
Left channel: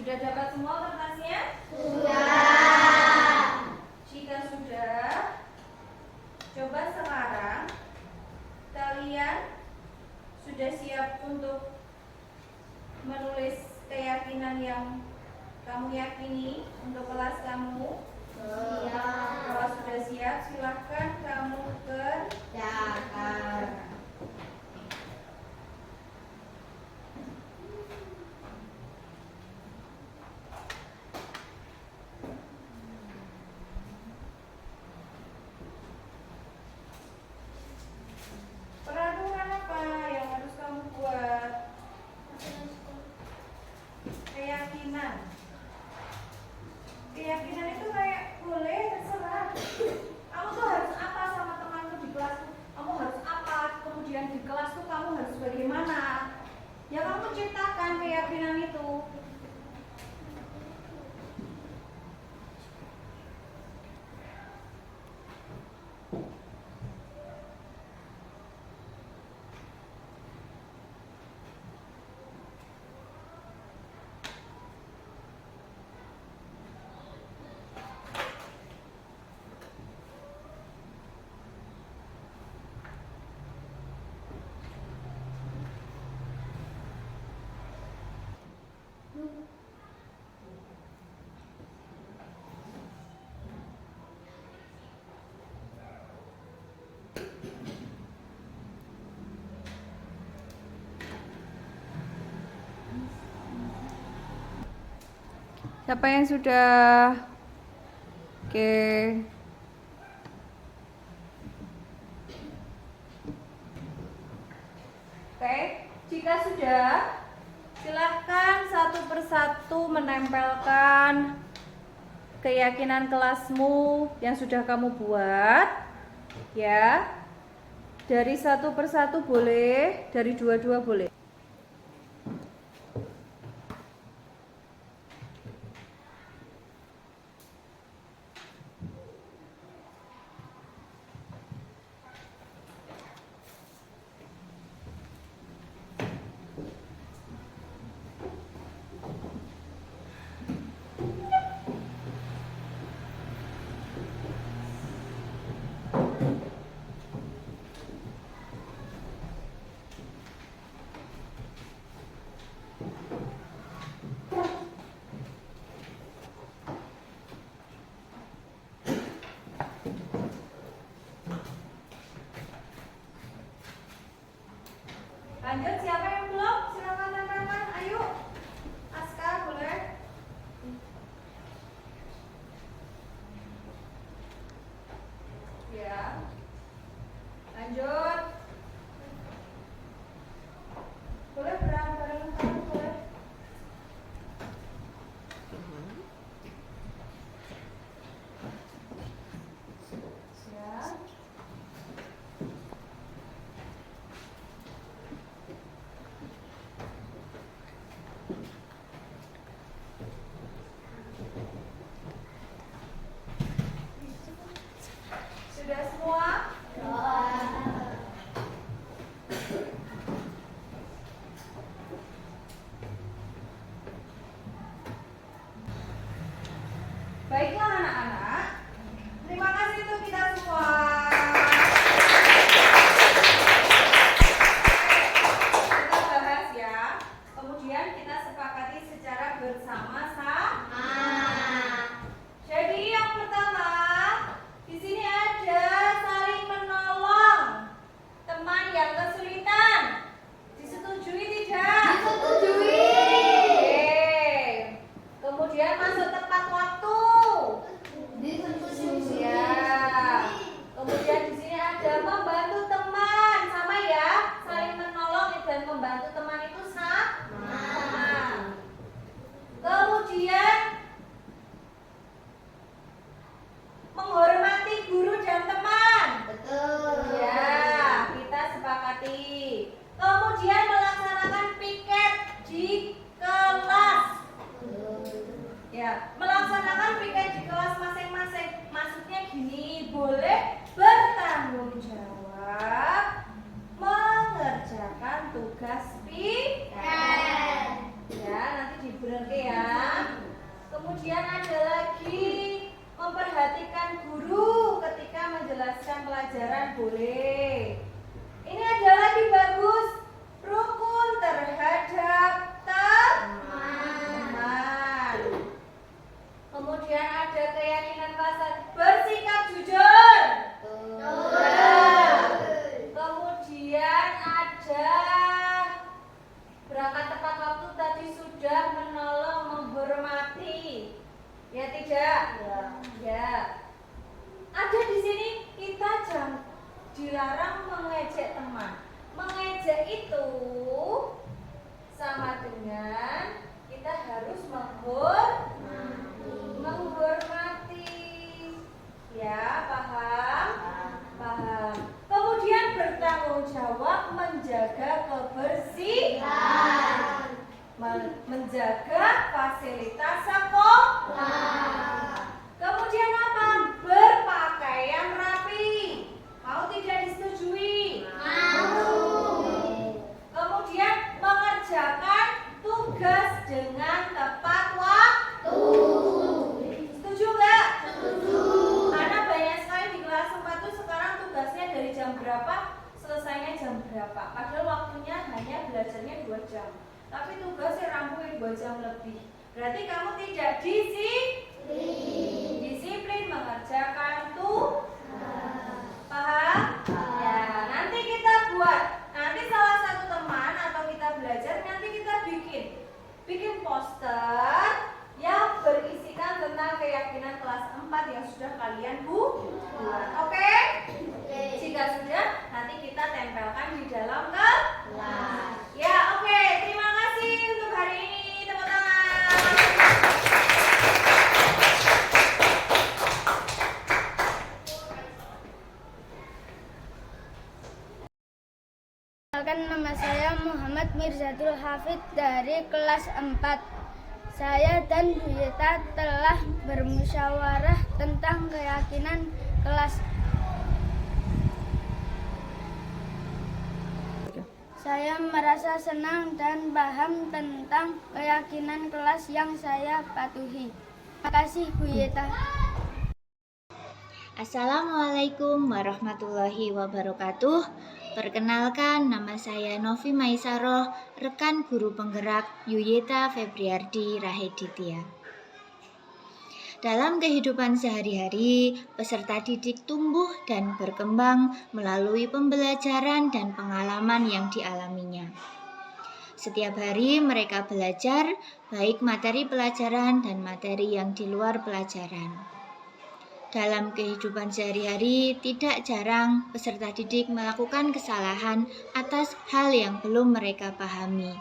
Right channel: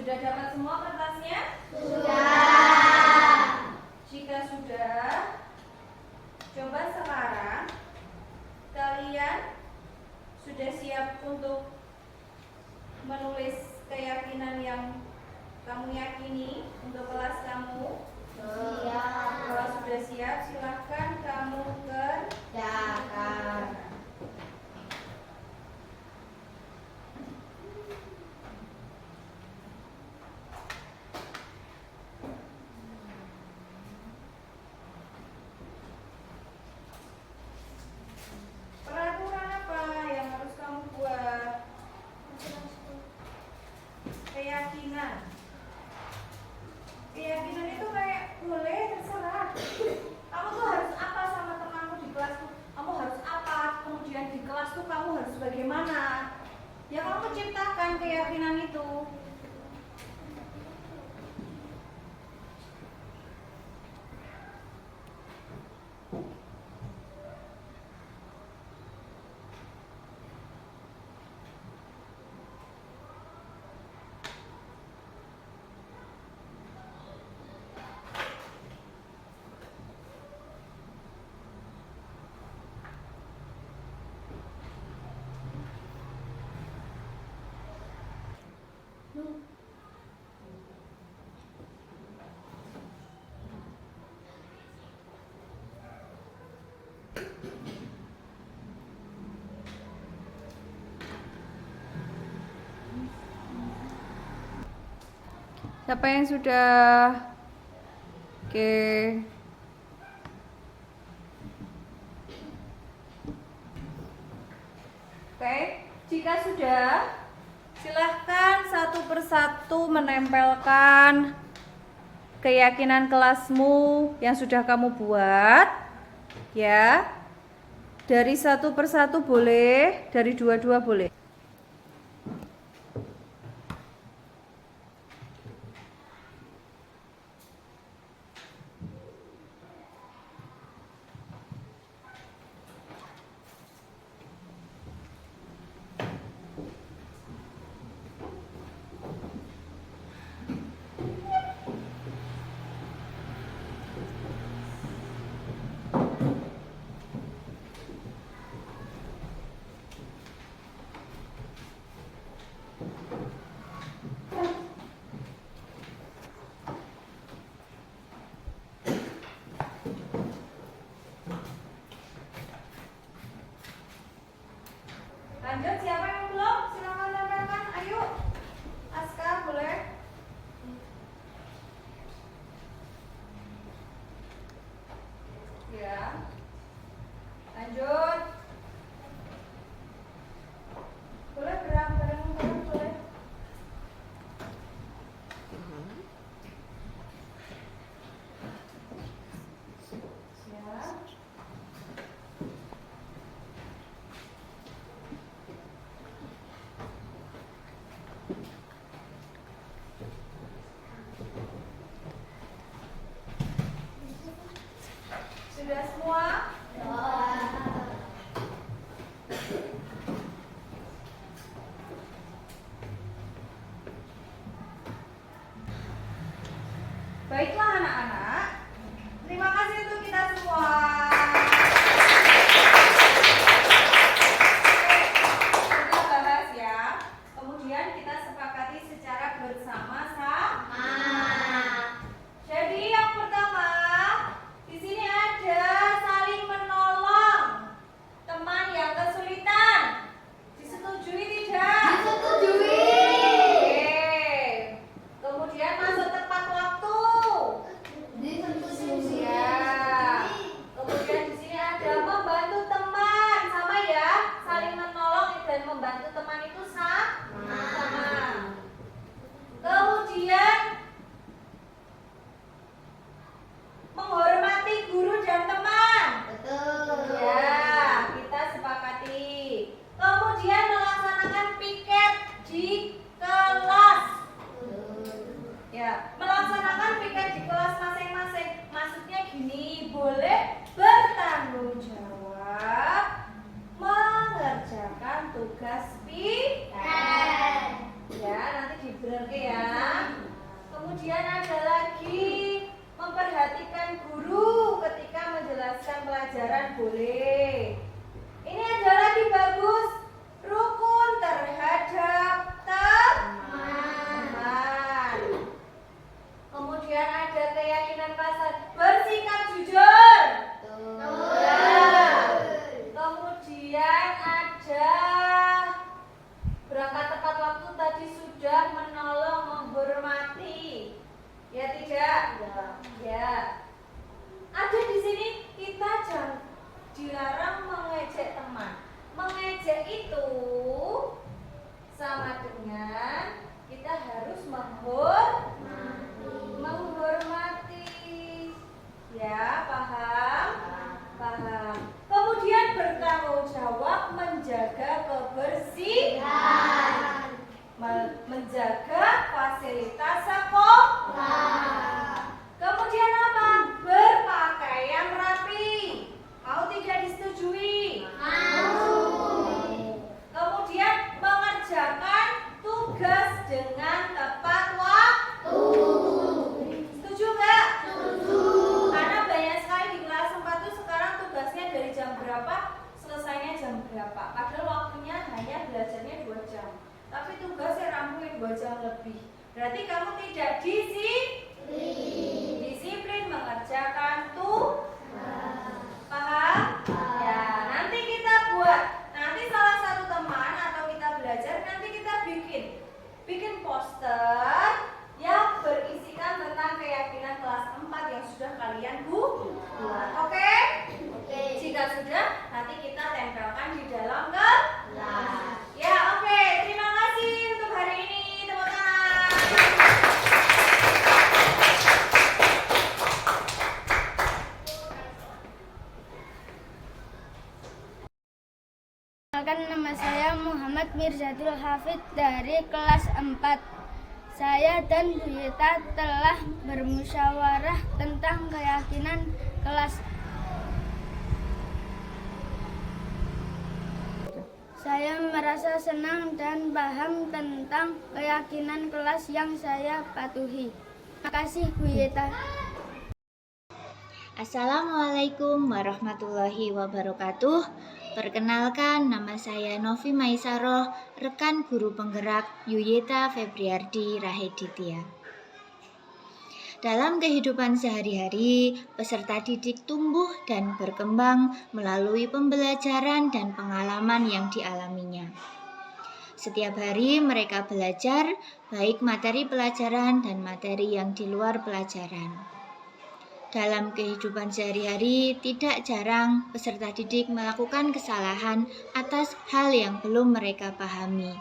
Sudah dapat semua kertasnya? Sudah. Jika sudah, coba sekarang kalian sudah siap untuk menulis keyakinan yang kamu yakini untuk kelas kamu? Siap. Kalau sudah siap, silahkan kamu Kerjakan. Peraturan apa yang harus kamu buat? Keyakinan. Keyakinan itu kayak boleh terserah. Kamu tuh harus apa sama temanmu di kelas tuh? Kamu harus apa? Kemudian di kelas tuh kamu harus bagaimana? Ya kamu ciptakan keyakinan itu. Siapa yang sudah? Oke. Oke, jika sudah, silahkan satu persatu menempelkan keyakinan kelasmu yang sudah kamu buat. Ya, dari satu persatu boleh, dari dua-dua boleh. Lanjut, siapa yang belum? Silakan tempelkan. Ayo, Aska boleh. Ya. Lanjut. Boleh bareng-bareng boleh. menghormati. Ya tidak? Ya. Ada di sini kita dilarang mengejek teman. Mengejek itu sama dengan kita harus menghormati. Ya, paham? Paham. Kemudian bertanggung jawab menjaga kebersihan. Menjaga fasilitas sekolah. Kemudian apa? Berpakaian rapi. Mau tidak disetujui? Kemudian mengerjakan tugas dengan tepat waktu. Setuju nggak? Karena banyak sekali di kelas 4 tuh sekarang tugasnya dari jam berapa, selesainya jam berapa. Padahal waktunya hanya belajarnya 2 jam. Tapi tugasnya rampungnya 2 jam lebih. Berarti kamu tidak disiplin mengerjakan tugas. Paham? Ya, nanti kita buat. Nanti salah satu teman atau kita belajar, nanti kita bikin poster yang berisikan tentang keyakinan kelas 4 yang sudah kalian buat. Oke? Jika sudah, nanti kita tempelkan di dalam kelas. Ya, oke. Terima kasih untuk hari ini. Tepuk tangan. Perkenalkan, nama saya Muhammad Mirzatul Hafid dari kelas 4. Saya dan Bu Yeta telah bermusyawarah tentang keyakinan kelas. Saya merasa senang dan paham tentang keyakinan kelas yang saya patuhi. Terima kasih Bu Yeta. Assalamualaikum warahmatullahi wabarakatuh. Perkenalkan, nama saya Novi Maisaroh, rekan guru penggerak Yuyeta Febriardi Raheditya. Dalam kehidupan sehari-hari, peserta didik tumbuh dan berkembang melalui pembelajaran dan pengalaman yang dialaminya. Setiap hari mereka belajar, baik materi pelajaran dan materi yang di luar pelajaran. Dalam kehidupan sehari-hari, tidak jarang peserta didik melakukan kesalahan atas hal yang belum mereka pahami.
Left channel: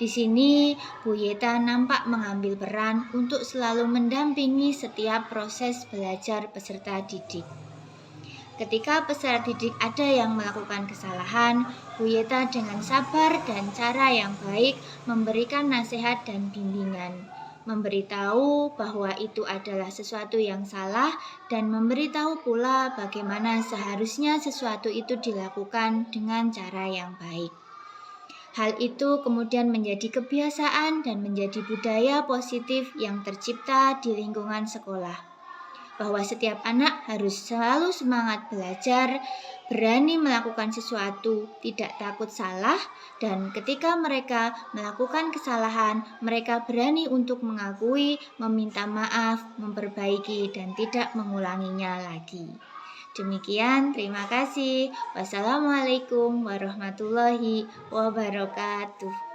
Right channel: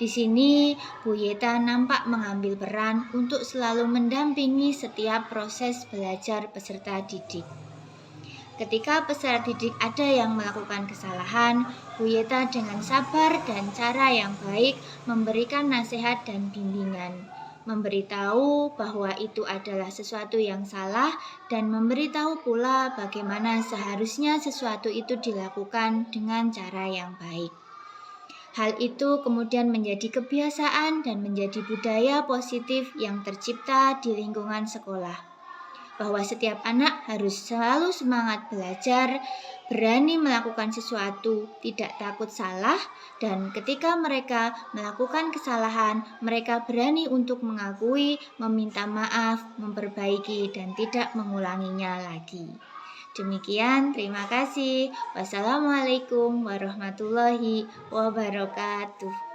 Di sini, Bu Yeta nampak mengambil peran untuk selalu mendampingi setiap proses belajar peserta didik. Ketika peserta didik ada yang melakukan kesalahan, Bu Yeta dengan sabar dan cara yang baik memberikan nasihat dan bimbingan, memberitahu bahwa itu adalah sesuatu yang salah dan memberitahu pula bagaimana seharusnya sesuatu itu dilakukan dengan cara yang baik. Hal itu kemudian menjadi kebiasaan dan menjadi budaya positif yang tercipta di lingkungan sekolah, bahwa setiap anak harus selalu semangat belajar, berani melakukan sesuatu, tidak takut salah, dan ketika mereka melakukan kesalahan, mereka berani untuk mengakui, meminta maaf, memperbaiki, dan tidak mengulanginya lagi. Demikian, terima kasih. Wassalamualaikum warahmatullahi wabarakatuh.